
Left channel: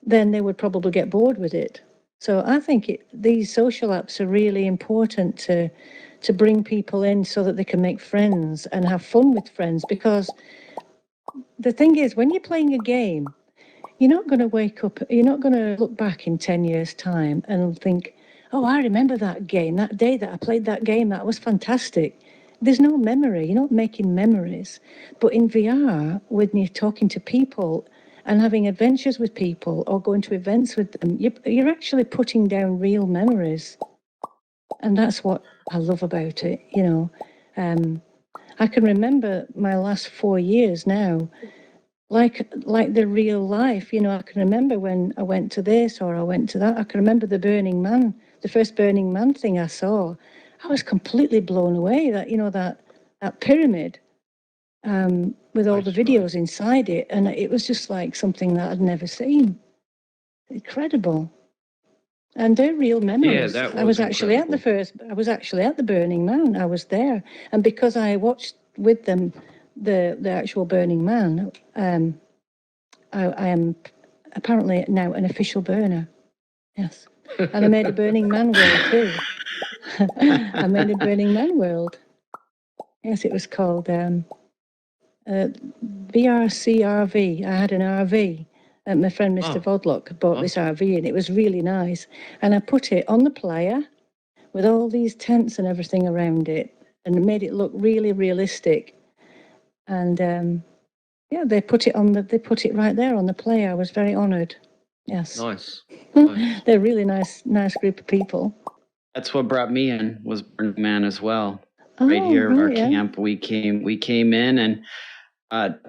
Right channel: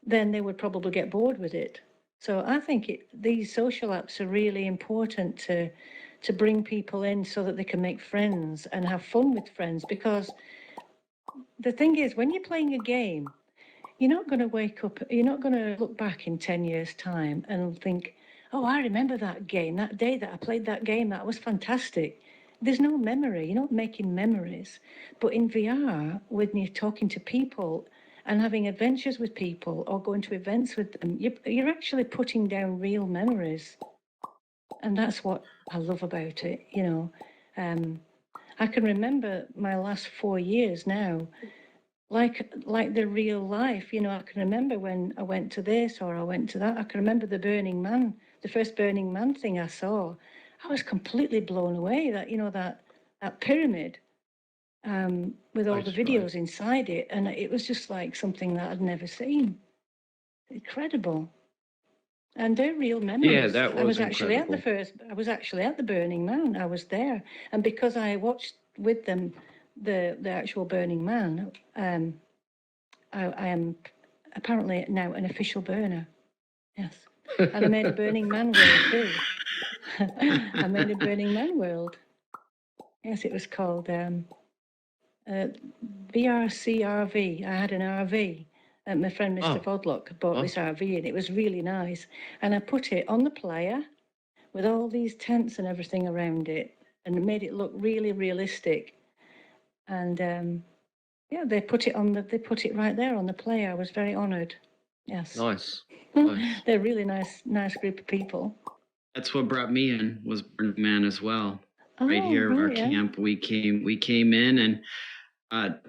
then they would probably get bored with it. So I think these social apps are really important to bring people in so that they can make friends and have fun with friends. Because the thing is, when you're playing a game, you're not going to wake up, you're not going to look back in 10 years' time and think, oh, I remember that game, that day that I played that game, that was fantastic. There's no memory, you're not making memories. But in VR, when you're talking to people and having adventures with people or going to events with them, you're actually putting down real memories. And that's what I love about it, I can remember my last 4 years now, like the real life, I can remember when I went to this or I went to that. I can remember the Burning Man, the first Burning Man thing I saw. I was completely blown away that, that pyramid with all the videos inside it. And it was just like something that I'd never seen. Incredible. And they're real memories. Yeah, that was I was incredible. actually at the Burning Man. I was there. And because I watched with them the actual Burning Man, I am apparently now an official burner. Yes. And I made a Burning Man world too. I made a Burning Man world. Yes, it was called VRCRV. I had an RV. My friend Mr. Vodlock bought this RV and it was really nice. And I put it on the playa with all these tents and everything around it and made it look really realistic. And they put it right there on the playa. I was very honoured. Yes. Nice. They're a really nice group of people. That's what brought me in, was Burning Man as well. Right here, our camp, we came in and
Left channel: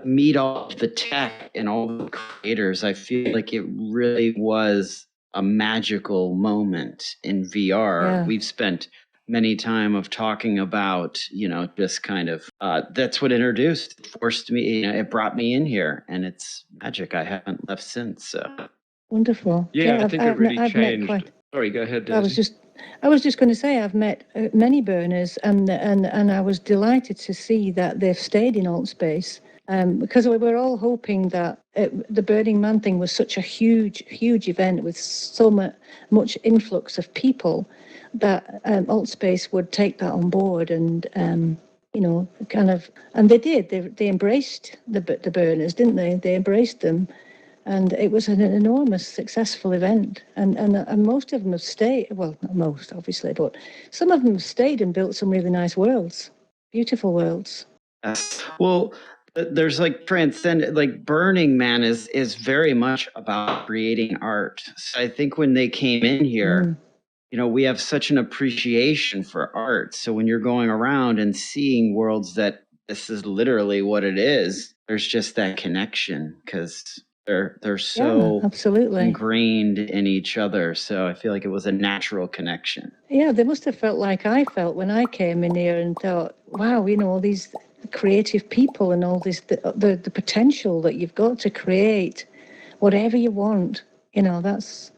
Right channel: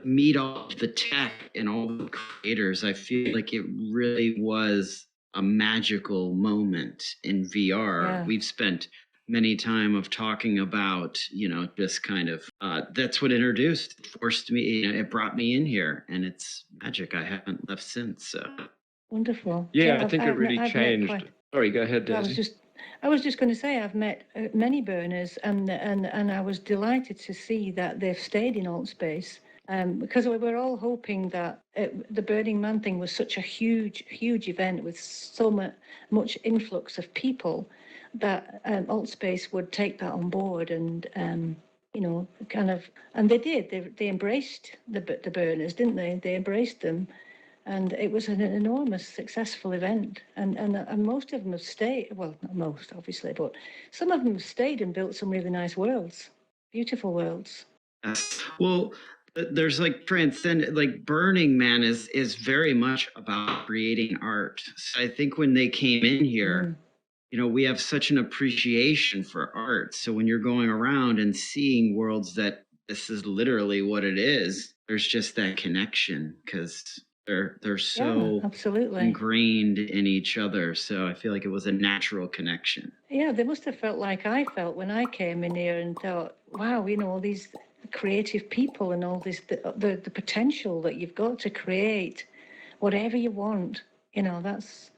meet all the tech and all the creators. I feel like it really was a magical moment in VR. Yeah. We've spent many time of talking about, just kind of, that's what forced me, it brought me in here, and it's magic. I haven't left since. So. Wonderful. Yeah, I think it really changed. Sorry, go ahead, Daisy. I was just going to say I've met many burners, and I was delighted to see that they've stayed in AltSpace, because we were all hoping that the Burning Man thing was such a huge event with so much influx of people that AltSpace would take that on board and and they did. They embraced the burners, didn't they? They embraced them. And it was an enormous, successful event. And most of them have stayed. Well, not most, obviously, but some of them have stayed and built some really nice worlds, beautiful worlds. Well, there's Burning Man is very much about creating art. So I think when they came in here, we have such an appreciation for art. So when you're going around and seeing worlds that this is literally what it is, there's just that connection because they're so absolutely ingrained in each other. So I feel like it was a natural connection. Yeah, they must have felt like I felt when I came in here and thought, wow, all these creative people and all this, the potential that you've got to create whatever you want. That's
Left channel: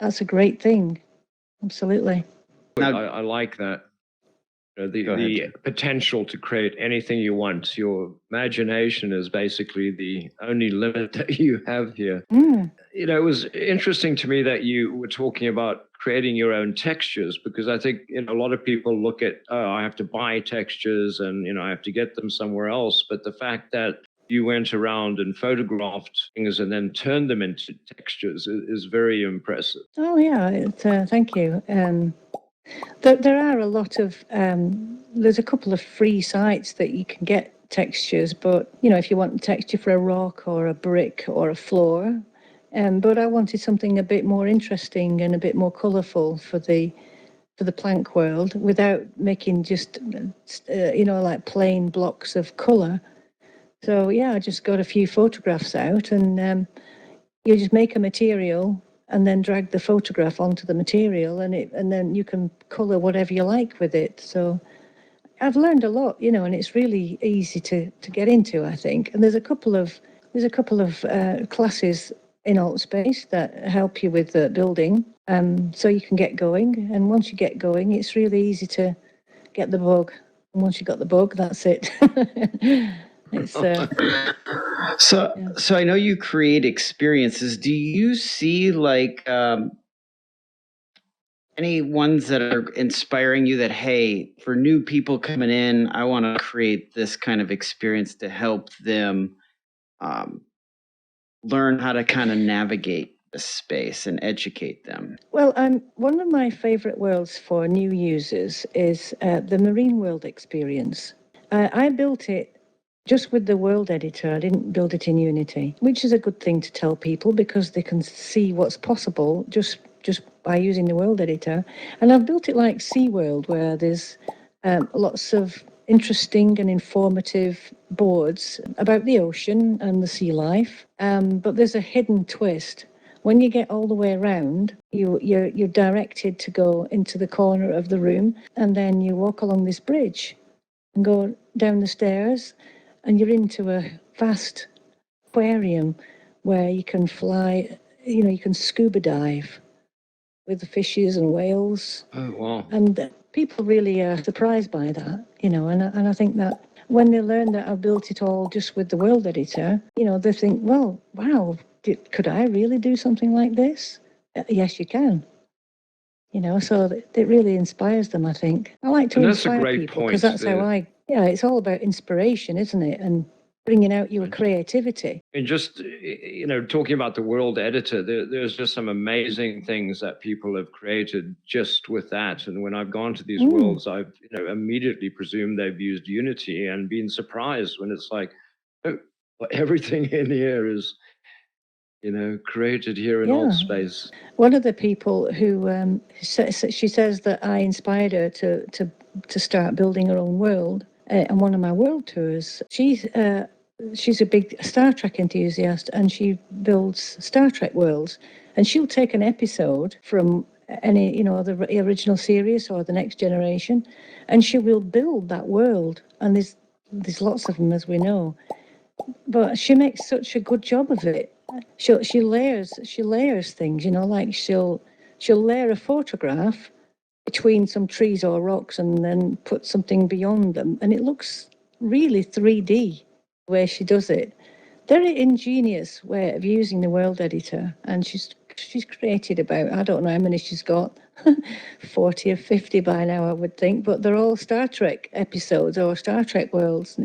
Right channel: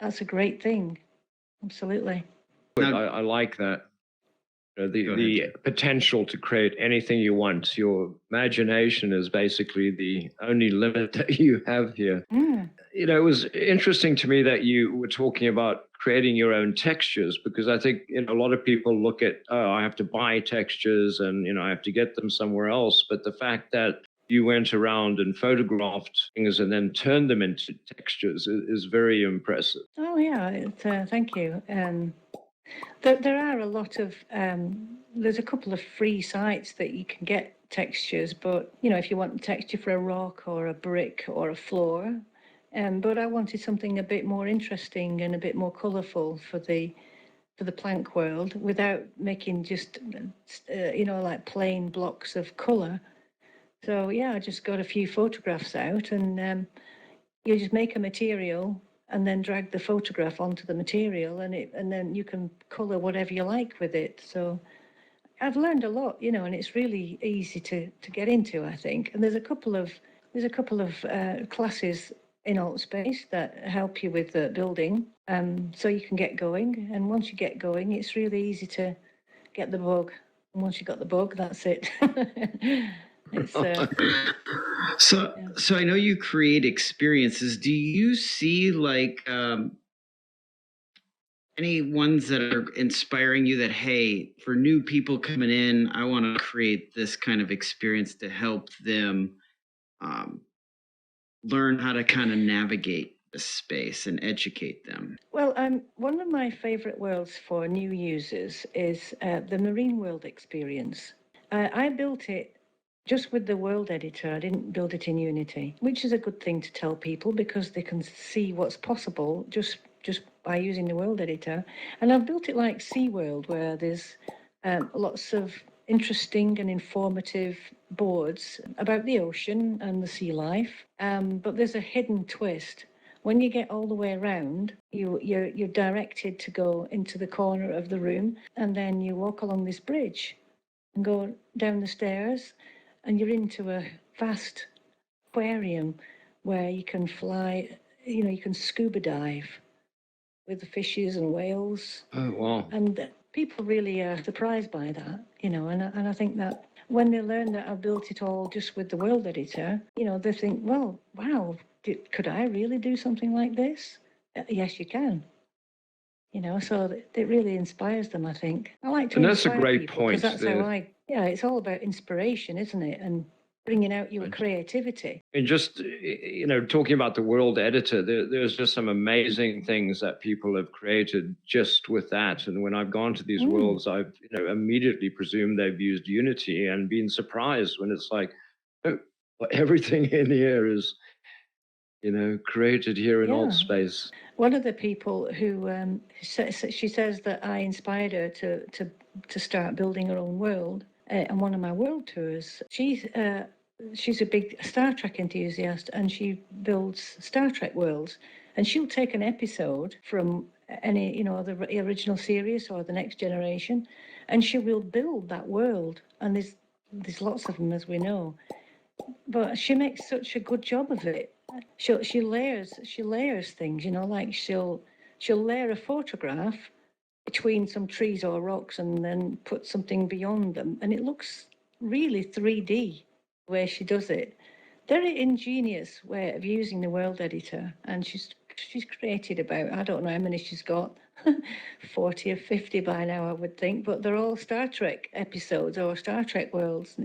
a great thing. Absolutely. I like that. The potential to create anything you want. Your imagination is basically the only limit that you have here. It was interesting to me that you were talking about creating your own textures, because I think a lot of people look at, I have to buy textures and I have to get them somewhere else. But the fact that you went around and photographed things and then turned them into textures is very impressive. Oh yeah, thank you. There are a lot of, there's a couple of free sites that you can get textures, but, if you want a texture for a rock or a brick or a floor, but I wanted something a bit more interesting and a bit more colourful for the plank world without making just, like plain blocks of colour. So, yeah, I just got a few photographs out and you just make a material and then drag the photograph onto the material and then you can colour whatever you like with it. So I've learned a lot, and it's really easy to get into, I think. And there's a couple of classes in AltSpace that help you with the building, so you can get going. And once you get going, it's really easy to get the bug. And once you got the bug, that's it. It's So, yeah. so I know you create experiences. Do you see like any ones that are inspiring you that, hey, for new people coming in, I want to create this kind of experience to help them learn how to kind of navigate the space and educate them? Well, one of my favorite worlds for new users is the Marine World experience. I built it just with the world editor. I didn't build it in Unity, which is a good thing to tell people because they can see what's possible just by using the world editor. And I've built it like SeaWorld, where there's lots of interesting and informative boards about the ocean and the sea life. But there's a hidden twist. When you get all the way around, you're directed to go into the corner of the room, and then you walk along this bridge and go down the stairs, and you're into a vast aquarium where you can fly, you can scuba dive with the fishes and whales. Oh, wow. And people really are surprised by that, and I think that when they learn that I've built it all just with the world editor, they think, well, wow, could I really do something like this? Yes, you can. So it really inspires them, I think. I like to And that's a inspire great people because point that's how it's all about inspiration, isn't it? And bringing out your creativity. And just, talking about the world editor, there's just some amazing things that people have created just with that. And when I've gone to these worlds, I've immediately presumed they've used Unity and been surprised when it's like, oh, everything in here is, created here in AltSpace. One of the people who she says that I inspired her to start building her own world on one of my world tours. She's a big Star Trek enthusiast, and she builds Star Trek worlds. And she'll take an episode from any, the original series or the Next Generation, and she will build that world. And there's lots of them, as we know. But she makes such a good job of it. She layers things, like she'll layer a photograph between some trees or rocks and then put something beyond them, and it looks really 3D the way she does it. Very ingenious way of using the world editor, and she's created about, I don't know how many she's got, 40 or 50 by now, I would think, but they're all Star Trek episodes or Star Trek worlds.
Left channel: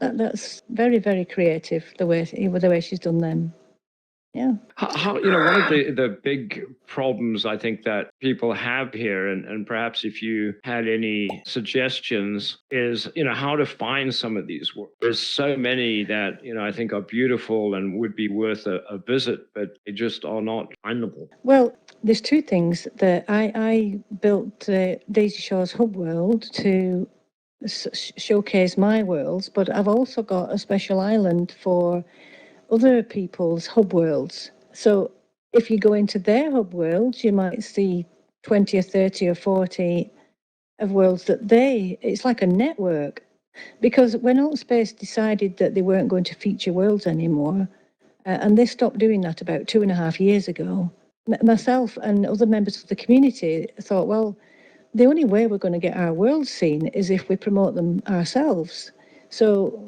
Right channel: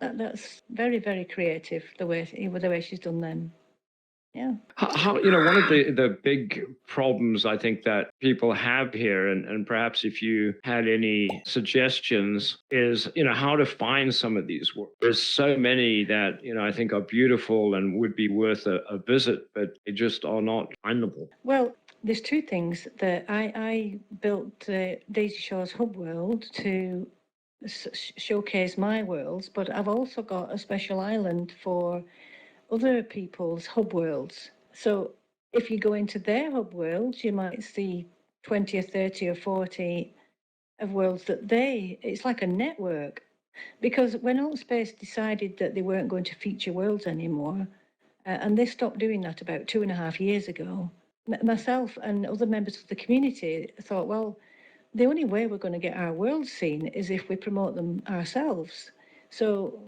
That's very, very creative, the way she's done them. Yeah. How one of the big problems I think that people have here, and perhaps if you had any suggestions, is how to find some of these works. There's so many that I think are beautiful and would be worth a visit, but they just are not findable. Well, there's two things that I built Daisy Shaw's Hub World to showcase my worlds, but I've also got a special island for other people's hub worlds. So if you go into their hub worlds, you might see 20 or 30 or 40 of worlds that it's like a network. Because when AltSpace decided that they weren't going to feature worlds anymore, and they stopped doing that about 2.5 years ago, myself and other members of the community thought, well, the only way we're going to get our worlds seen is if we promote them ourselves. So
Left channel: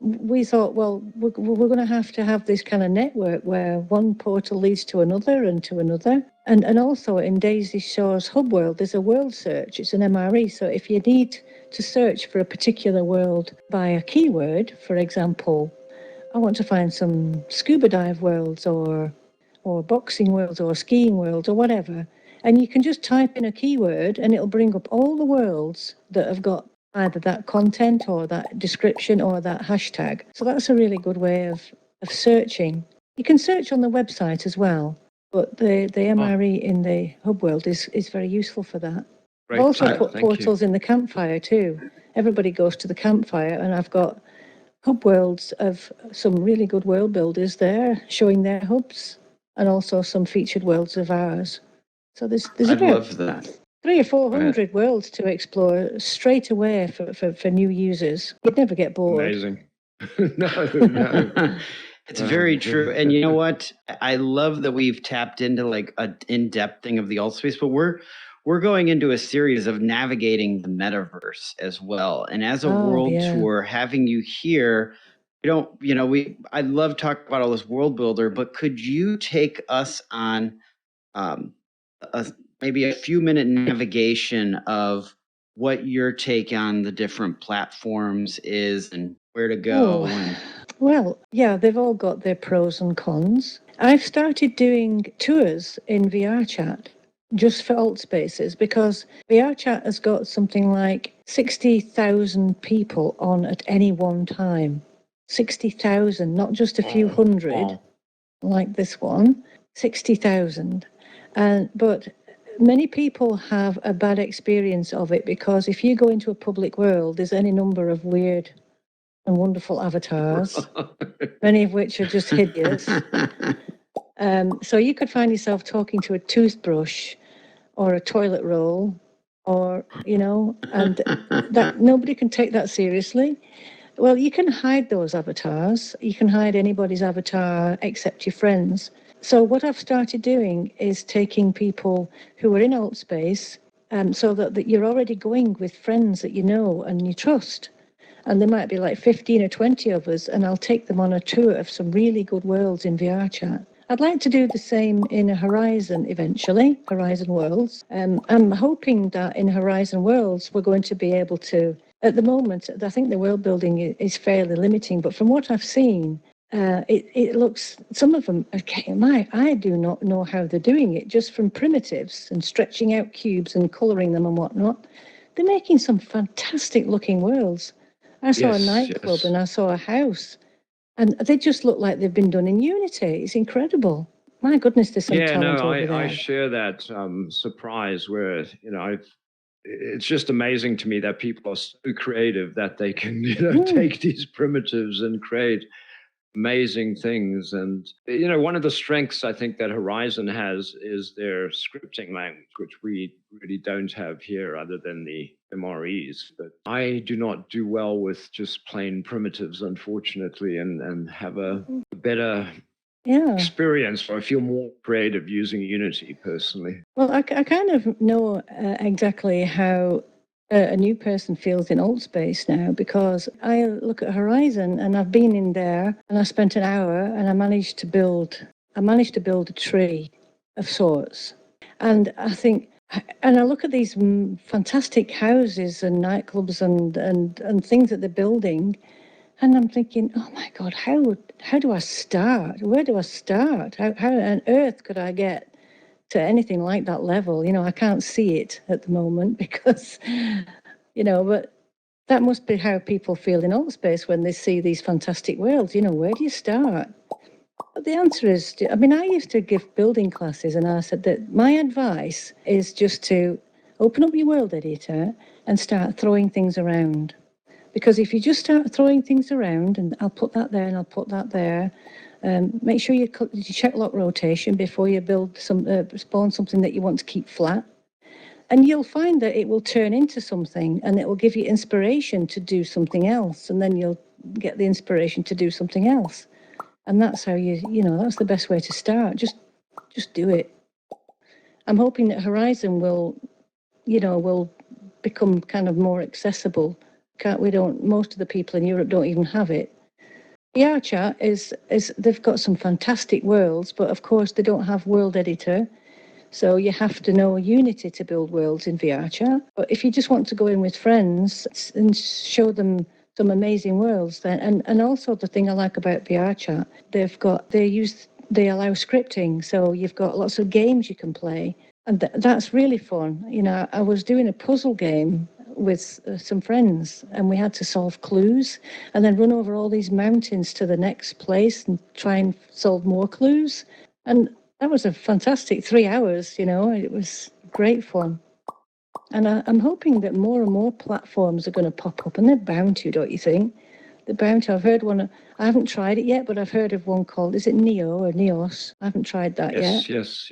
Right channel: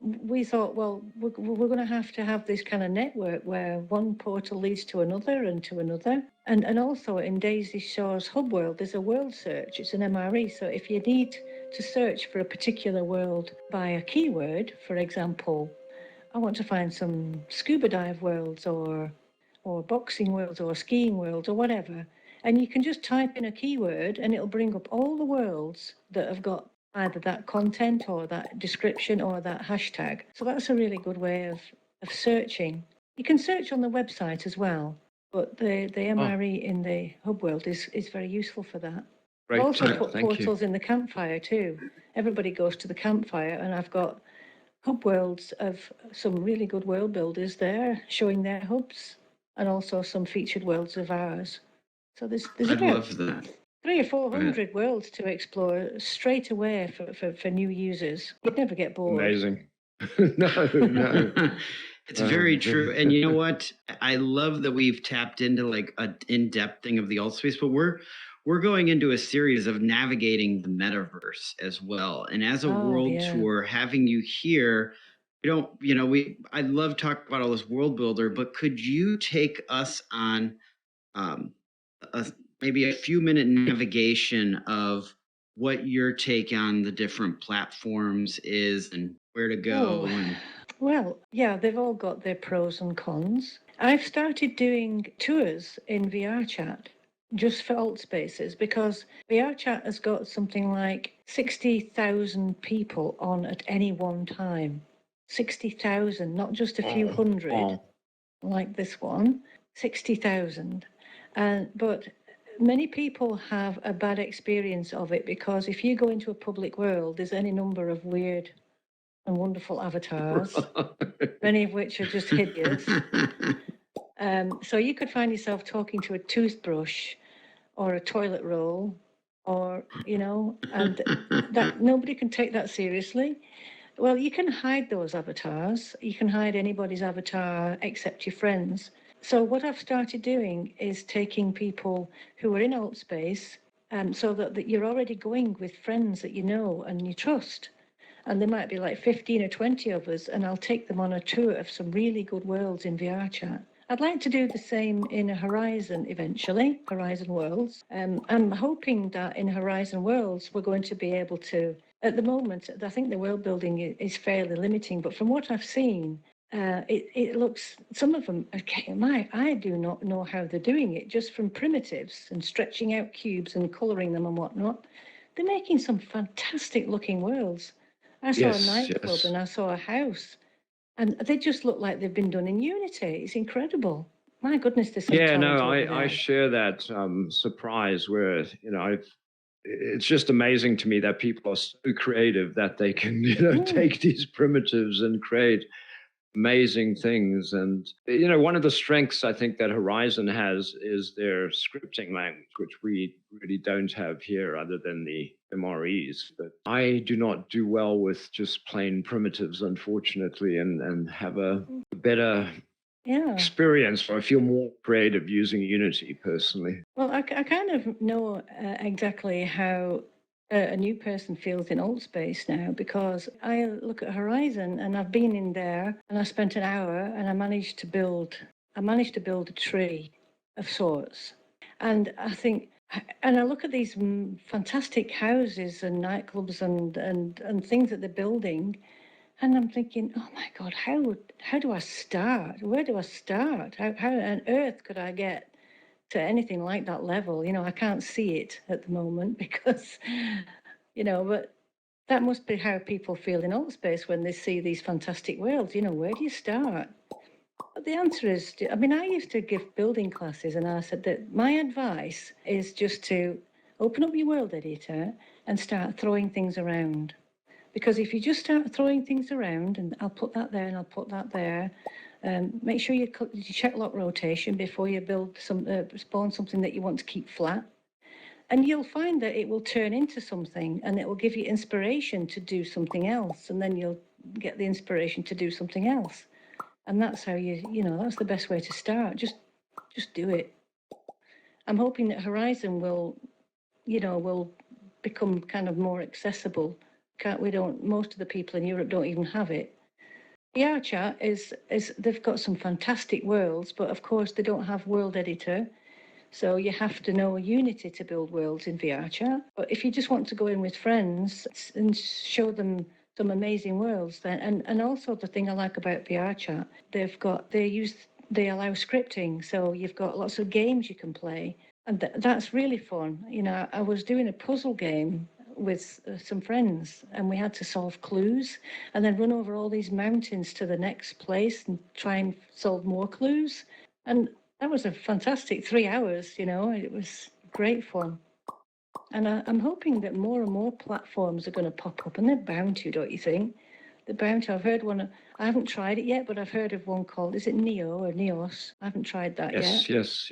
we thought, well, we're going to have this kind of network where one portal leads to another and to another. And also in Daisy Shaw's Hub World, there's a world search. It's an MRE. So if you need to search for a particular world by a keyword, for example, I want to find some scuba dive worlds or boxing worlds or skiing worlds or whatever. And you can just type in a keyword and it'll bring up all the worlds that have got either that content or that description or that hashtag. So that's a really good way of searching. You can search on the website as well, but the MRE in the hub world is very useful for that. Great. I've also put Thank portals in the campfire too. Everybody goes to the campfire, and I've got hub worlds of some really good world builders there showing their hubs, and also some featured worlds of ours. So there's I about love that. 300 or 400 worlds to explore straight away for new users. You'd never get bored. Amazing. No. It's very true. And you know what? I love that we've tapped into like a in-depth thing of the alt space, but we're going into a series of navigating the metaverse as well. And as a world yeah. tour, having you here, we don't, you know, I love talking about all this world builder, but could you take us on maybe a few minute navigation of what your take on the different platforms is and where to go? And Well, yeah, they've all got their pros and cons. I've started doing tours in VR chat just for alt spaces because VR chat has got something like 60,000 people on at any one time. 60,000, not just a few hundred like this one, 60,000. But many people have a bad experience of it because if you go into a public world, there's any number of weird and wonderful avatars, many of which are just hideous. So you could find yourself talking to a toothbrush or a toilet roll, or, you know, and that nobody can take that seriously. Well, you can hide those avatars. You can hide anybody's avatar except your friends. So what I've started doing is taking people who are in alt space, so that you're already going with friends that you know and you trust. And there might be like 15 or 20 of us, and I'll take them on a tour of some really good worlds in VR chat. I'd like to do the same in Horizon eventually, Horizon Worlds. I'm hoping that in Horizon Worlds, we're going to be able to, at the moment, I think the world building is fairly limiting, but from what I've seen, it looks, some of them, okay, I do not know how they're doing it, just from primitives and stretching out cubes and colouring them and whatnot. They're making some fantastic looking worlds. I saw a nightclub and I saw a house, and they just look like they've been done in Unity. It's incredible. My goodness, there's some talent over there. I share that surprise where, you know, it's just amazing to me that people are so creative that they can, you know, take these primitives and create amazing things. And, you know, one of the strengths I think that Horizon has is their scripting language, which we really don't have here other than the MREs. But I do not do well with just plain primitives, unfortunately, and have a better experience, or I feel more creative using Unity personally. Well, I kind of know exactly how a new person feels in alt space now, because I look at Horizon and I've been in there and I spent an hour and I managed to build a tree of sorts. And I think, and I look at these fantastic houses and nightclubs and things that they're building, and I'm thinking, oh my God, how do I start? Where do I start? How on earth could I get to anything like that level? You know, I can't see it at the moment because, you know, but that must be how people feel in alt space when they see these fantastic worlds. You know, where do you start? But the answer is, I mean, I used to give building classes, and I said that my advice is just to open up your world editor and start throwing things around. Because if you just start throwing things around, and I'll put that there and I'll put that there, make sure you check lock rotation before you build spawn something that you want to keep flat. And you'll find that it will turn into something, and it will give you inspiration to do something else. And then you'll get the inspiration to do something else. And that's how you know, that's the best way to start. Just do it. I'm hoping that Horizon will become kind of more accessible. Most of the people in Europe don't even have it. VR chat is they've got some fantastic worlds, but of course they don't have world editor. So you have to know Unity to build worlds in VR chat. But if you just want to go in with friends and show them some amazing worlds, then and also the thing I like about VR chat, they allow scripting, so you've got lots of games you can play, and that's really fun. You know, I was doing a puzzle game with some friends, and we had to solve clues and then run over all these mountains to the next place and try and solve more clues. And that was a fantastic 3 hours, you know, it was great fun. And I'm hoping that more and more platforms are going to pop up, and they're bound to, don't you think? They're bound to. I've heard one, I haven't tried it yet, but I've heard of one called, is it Neo or Neos? I haven't tried that yet. Yes.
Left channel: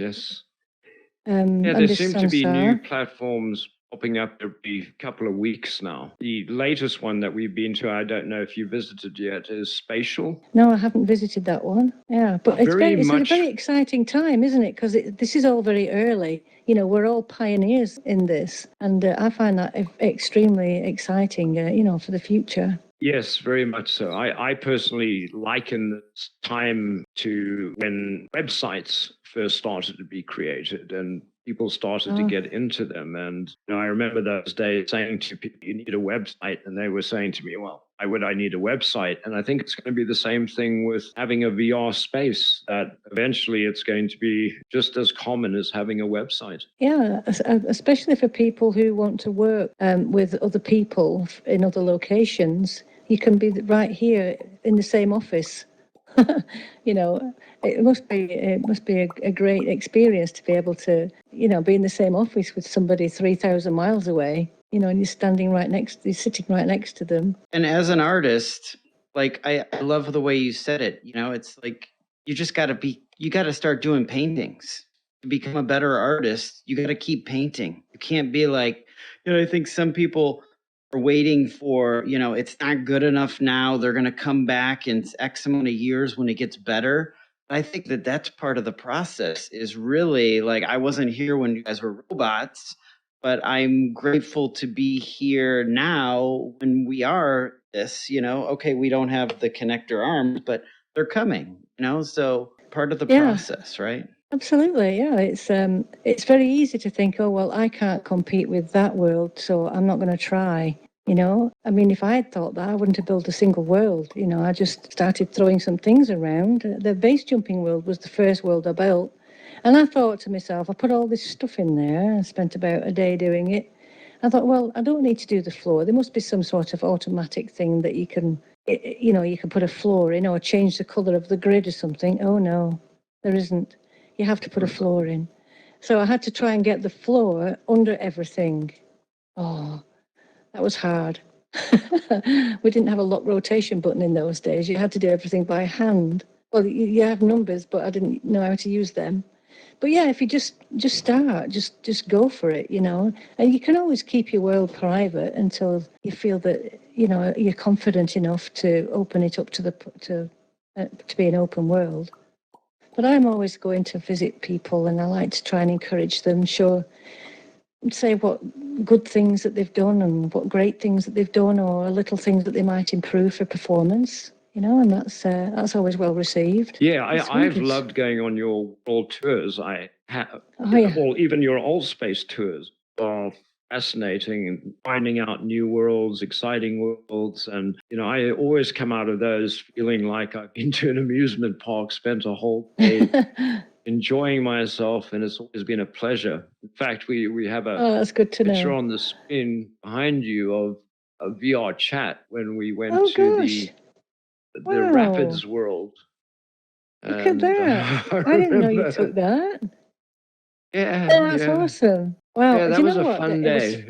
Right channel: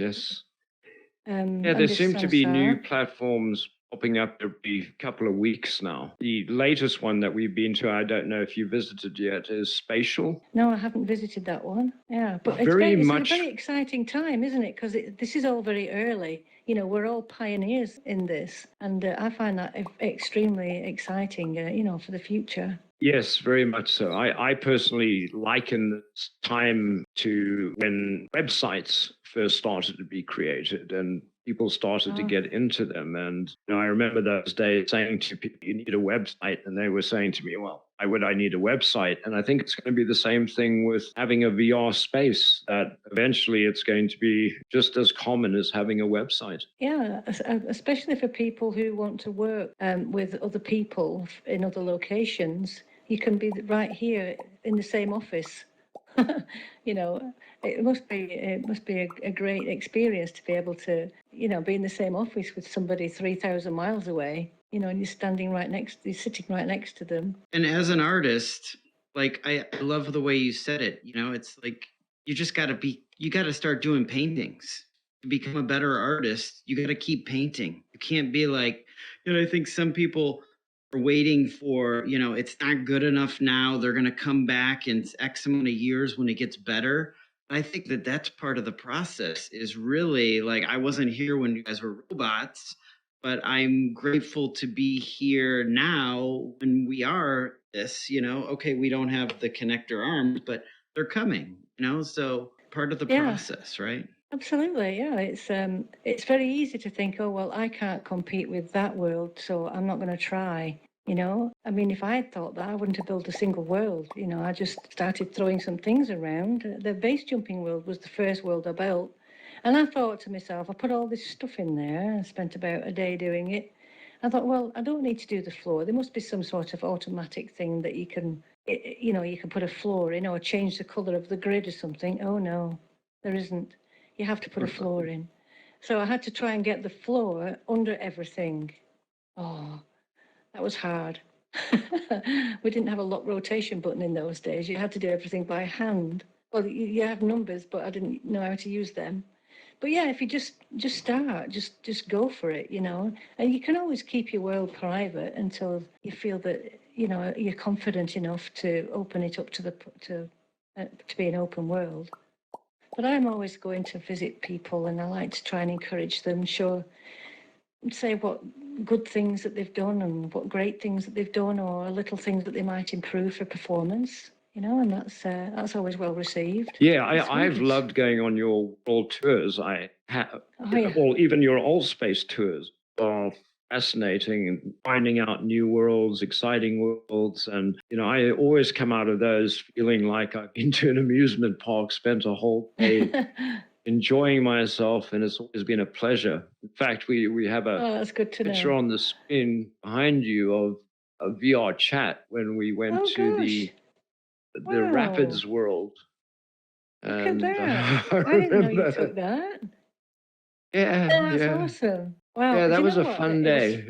Yeah, there seem to be new platforms popping up every couple of weeks now. The latest one that we've been to, I don't know if you visited yet, is Spatial. No, I haven't visited that one. Yeah, but it's a very exciting time, isn't it? Because this is all very early. You know, we're all pioneers in this, and I find that extremely exciting. For the future. Yes, very much so. I personally liken this time to when websites first started to be created and people started to get into them. And I remember those days saying to people, you need a website. And they were saying to me, well, why would I need a website? And I think it's going to be the same thing with having a VR space, that eventually it's going to be just as common as having a website. Yeah, especially for people who want to work with other people in other locations. You can be right here in the same office. It must be a great experience to be able to, be in the same office with somebody 3,000 miles away, and you're sitting right next to them. And as an artist, like I love the way you said it. It's like you got to start doing paintings. To become a better artist, you got to keep painting. You can't be like, I think some people are waiting for, it's not good enough now. They're going to come back in X amount of years when it gets better. I think that that's part of the process, is really like, I wasn't here when you guys were robots, but I'm grateful to be here now when we are this, okay, we don't have the connector arms, but they're coming, so part of the process, right? Absolutely, yeah. It's very easy to think, oh, well, I can't compete with that world, so I'm not going to try. I mean, if I had thought that, I wouldn't have built a single world. I just started throwing some things around. The base jumping world was the first world I built. And I thought to myself, I put all this stuff in there. I spent about a day doing it. I thought, well, I don't need to do the floor. There must be some sort of automatic thing that you can put a floor in or change the colour of the grid or something. Oh, no, there isn't. You have to put a floor in. So I had to try and get the floor under everything. Oh, that was hard. We didn't have a lock rotation button in those days. You had to do everything by hand. Well, you have numbers, but I didn't know how to use them. But yeah, if you just start, just go for it, And you can always keep your world private until you feel that, you're confident enough to open it up to be an open world. But I'm always going to visit people, and I like to try and encourage them, say what good things that they've done and what great things that they've done, or little things that they might improve for performance, and that's always well received. Yeah, I've loved going on your world tours. I have, well, even your Altspace tours are fascinating, and finding out new worlds, exciting worlds. And, I always come out of those feeling like I've been to an amusement park, spent a whole day enjoying myself, and it's always been a pleasure. In fact, we have a that's good to picture know. on the screen behind you of a VR chat when we went to the Rapids world. Look at that. I didn't know you took that. Yeah. Oh, that's awesome. Wow. Yeah, that was a fun day.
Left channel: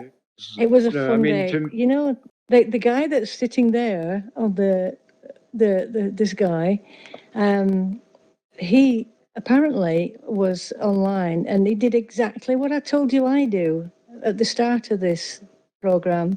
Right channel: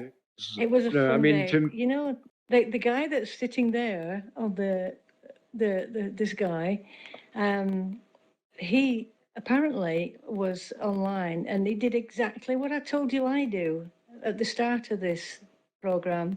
It was a fun day. The guy that's sitting there on this guy, he apparently was online, and he did exactly what I told you I do at the start of this program.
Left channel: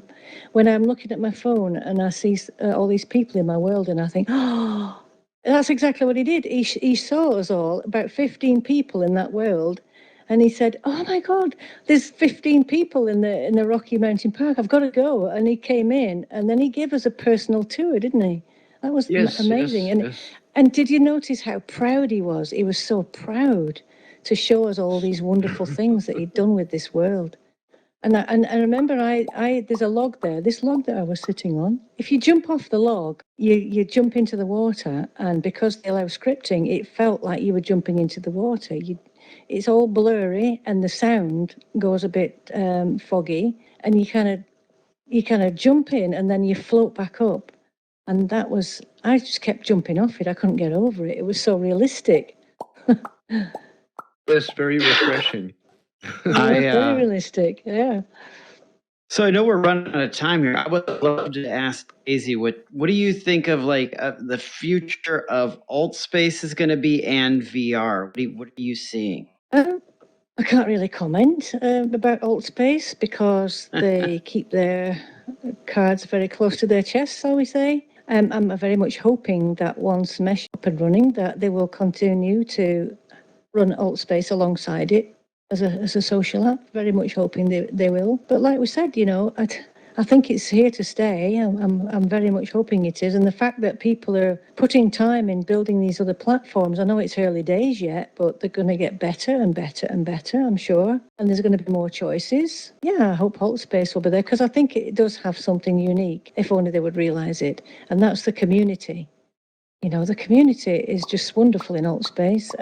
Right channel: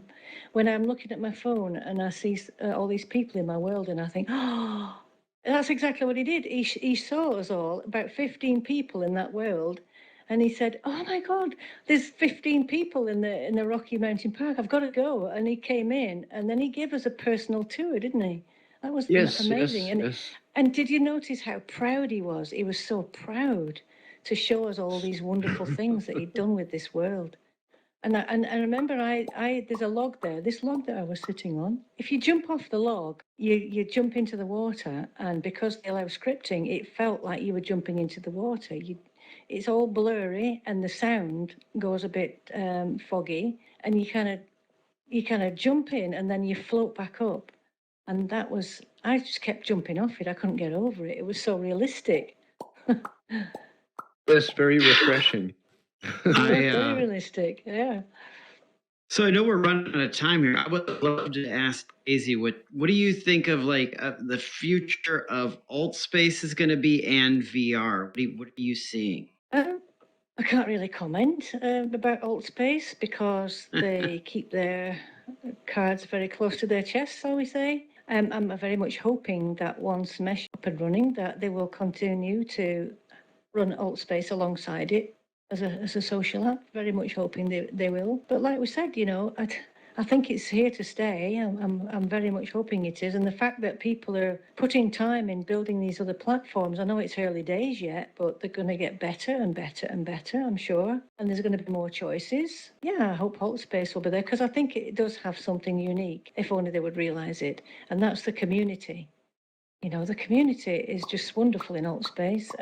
When I'm looking at my phone and I see all these people in my world, and I think, oh, that's exactly what he did. He saw us all, about 15 people in that world, and he said, oh my God, there's 15 people in the Rocky Mountain Park. I've got to go. And he came in, and then he gave us a personal tour, didn't he? That was amazing. Yes. And did you notice how proud he was? He was so proud to show us all these wonderful things that he'd done with this world. And I remember there's a log there, this log that I was sitting on. If you jump off the log, you jump into the water, and because they allow scripting, it felt like you were jumping into the water. It's all blurry, and the sound goes a bit foggy, and you kind of jump in, and then you float back up. And I just kept jumping off it. I couldn't get over it. It was so realistic. It's very refreshing. Very realistic, yeah. So I know we're running out of time here. I would love to ask Daisy, what do you think of the future of AltSpace is going to be, and VR? What are you seeing? I can't really comment about AltSpace because they keep their cards very close to their chests, shall we say. I'm very much hoping that once Mesh is up and running, that they will continue to run AltSpace alongside it as a social app. Very much hoping they will. But like we said, I think it's here to stay. I'm very much hoping it is. And the fact that people are putting time in building these other platforms, I know it's early days yet, but they're going to get better and better and better, I'm sure. And there's going to be more choices. Yeah, I hope AltSpace will be there because I think it does have something unique, if only they would realise it. And that's the community. The community is just wonderful in AltSpace.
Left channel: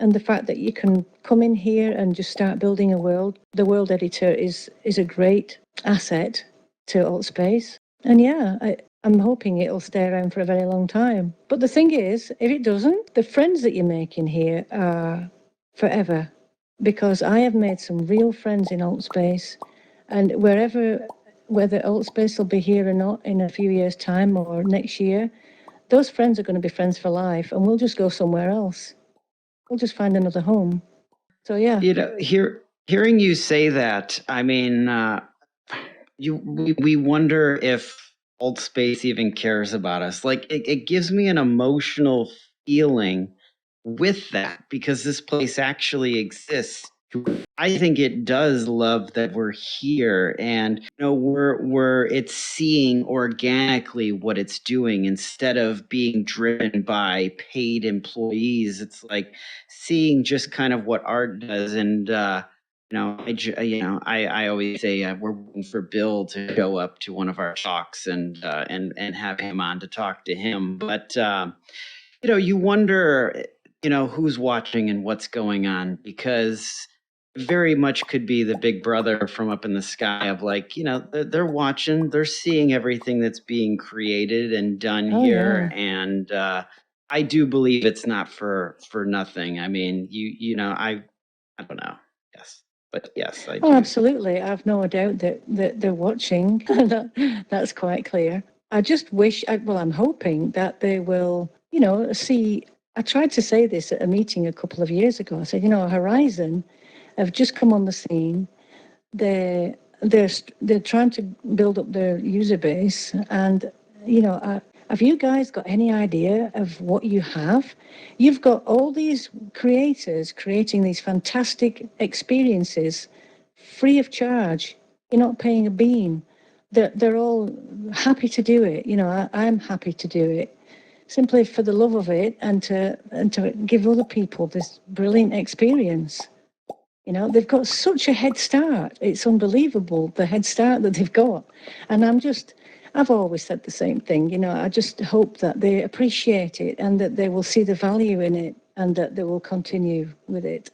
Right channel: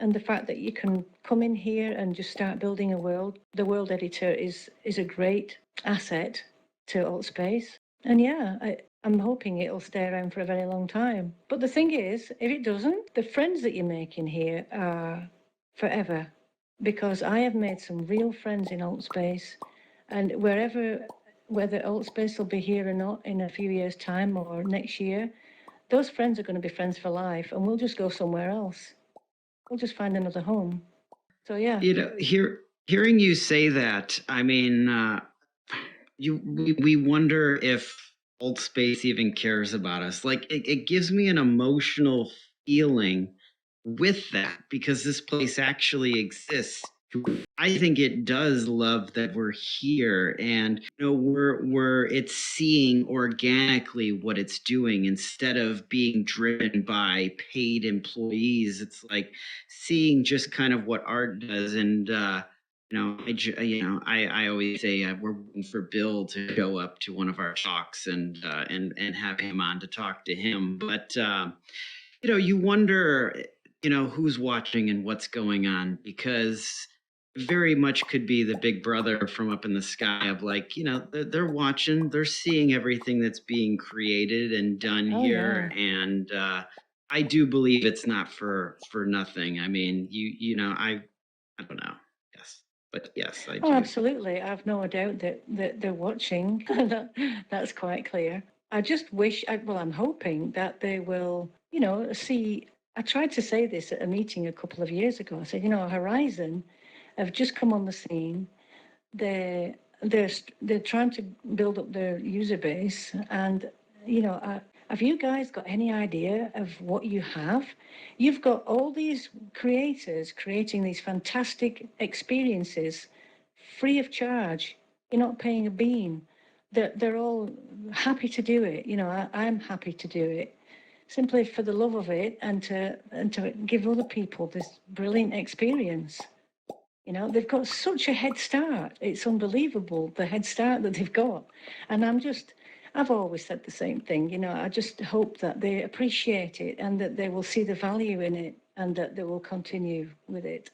And the fact that you can come in here and just start building a world, the world editor is a great asset to AltSpace. And yeah, I'm hoping it'll stay around for a very long time. But the thing is, if it doesn't, the friends that you make in here are forever. Because I have made some real friends in AltSpace. And whether AltSpace will be here or not in a few years' time or next year, those friends are going to be friends for life, and we'll just go somewhere else. We'll just find another home. So yeah. Hearing you say that, I mean, we wonder if AltSpace even cares about us. Like it gives me an emotional feeling with that because this place actually exists. I think it does love that we're here, and it's seeing organically what it's doing instead of being driven by paid employees. It's like seeing just kind of what art does, and I always say we're waiting for Bill to show up to one of our talks and have him on to talk to him, but. You wonder, who's watching and what's going on because very much could be the big brother from up in the sky of like, they're watching, they're seeing everything that's being created and done here. Yeah. And I do believe it's not for nothing. I mean, I don't know. Yes. But yes, I do. Oh, absolutely. I've no doubt that they're watching. That's quite clear. I just wish, I'm hoping that they will, see. I tried to say this at a meeting a couple of years ago. I said, Horizon have just come on the scene. They're trying to build up their user base, and have you guys got any idea of what you have? You've got all these creators creating these fantastic experiences free of charge. You're not paying a bean. They're all happy to do it. I'm happy to do it simply for the love of it and to give other people this brilliant experience. They've got such a head start. It's unbelievable, the head start that they've got. And I've always said the same thing. I just hope that they appreciate it and that they will see the value in it and that they will continue with it.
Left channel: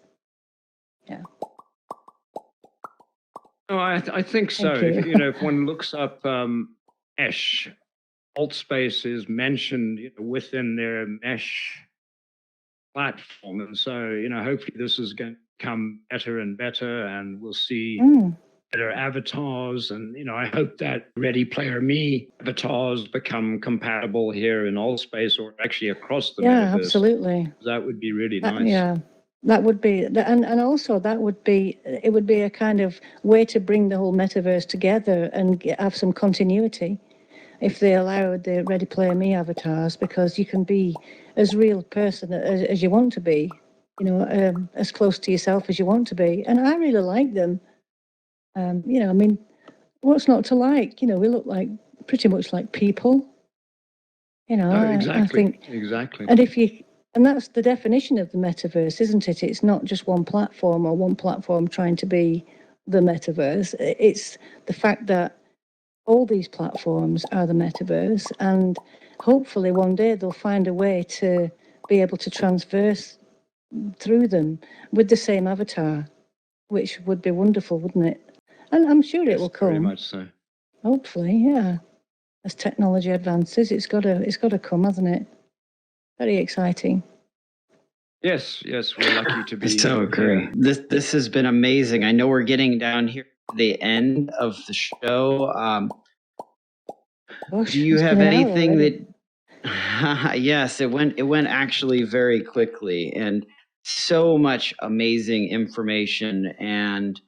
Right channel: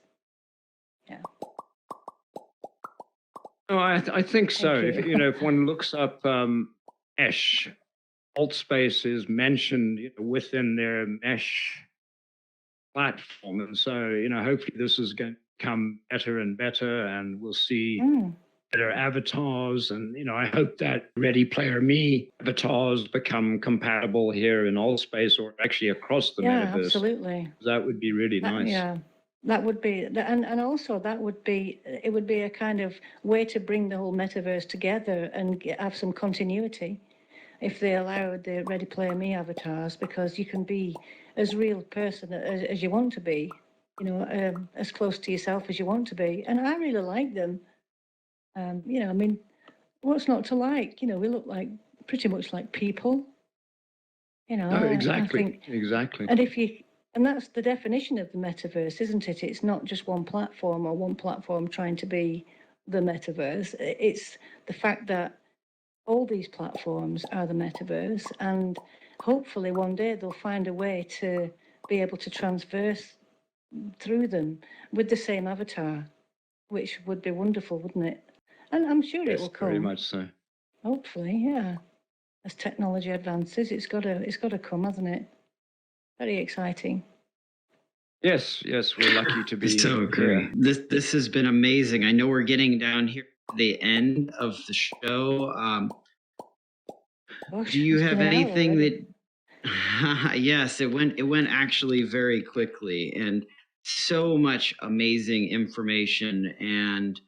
Yeah. Oh, I think so. Thank you. If one looks up Mesh, AltSpace is mentioned within their Mesh platform, and so hopefully this is going to become better and better, and we'll see better avatars. And I hope that Ready Player Me avatars become compatible here in AltSpace or actually across the metaverse. Absolutely. That would be really nice. Yeah. That would be, and also it would be a kind of way to bring the whole metaverse together and have some continuity if they allowed the Ready Player Me avatars, because you can be as real person as you want to be, as close to yourself as you want to be. And I really like them. What's not to like? We look like pretty much like people. Exactly. I think, exactly. And that's the definition of the metaverse, isn't it? It's not just one platform or one platform trying to be the metaverse. It's the fact that all these platforms are the metaverse, and hopefully one day they'll find a way to be able to transverse through them with the same avatar, which would be wonderful, wouldn't it? And I'm sure it will come. Very much so. Hopefully, yeah. As technology advances, it's got to come, hasn't it? Very exciting. Yes, we're lucky to be. So agree. This has been amazing. I know we're getting down here to the end of the show. Do you have anything that? Yes, it went actually very quickly, and so much amazing information. And,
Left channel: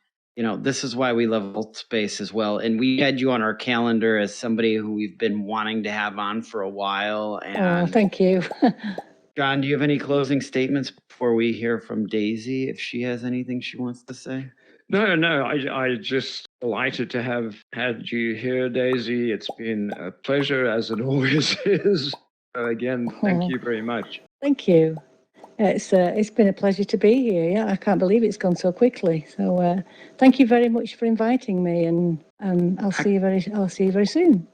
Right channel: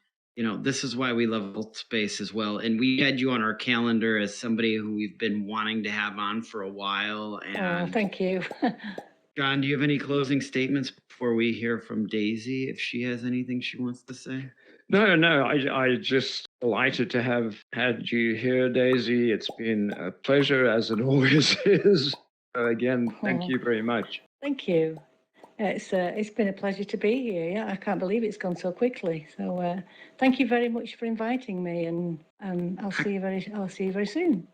this is why we love Altspace as well. And we had you on our calendar as somebody who we've been wanting to have on for a while. Oh, And thank you. John, do you have any closing statements before we hear from Daisy, if she has anything she wants to say? No, I just delighted to have had you here, Daisy. It's been a pleasure, as it always is. Again, thank Oh. you very much. Thank you. It's been a pleasure to be here. Yeah, I can't believe it's gone so quickly. So thank you very much for inviting me, and I'll see you very soon.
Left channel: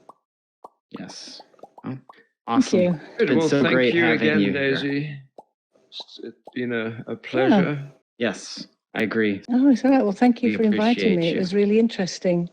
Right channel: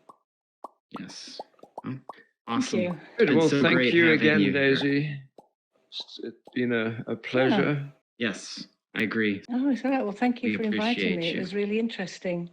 Yes. Oh, awesome. Thank you. Good. Been Well, so thank great you having again, you here. Daisy. It's been a pleasure. Yes, I agree. Oh, it's all right. Well, thank you We for inviting appreciate me. It you. was really interesting.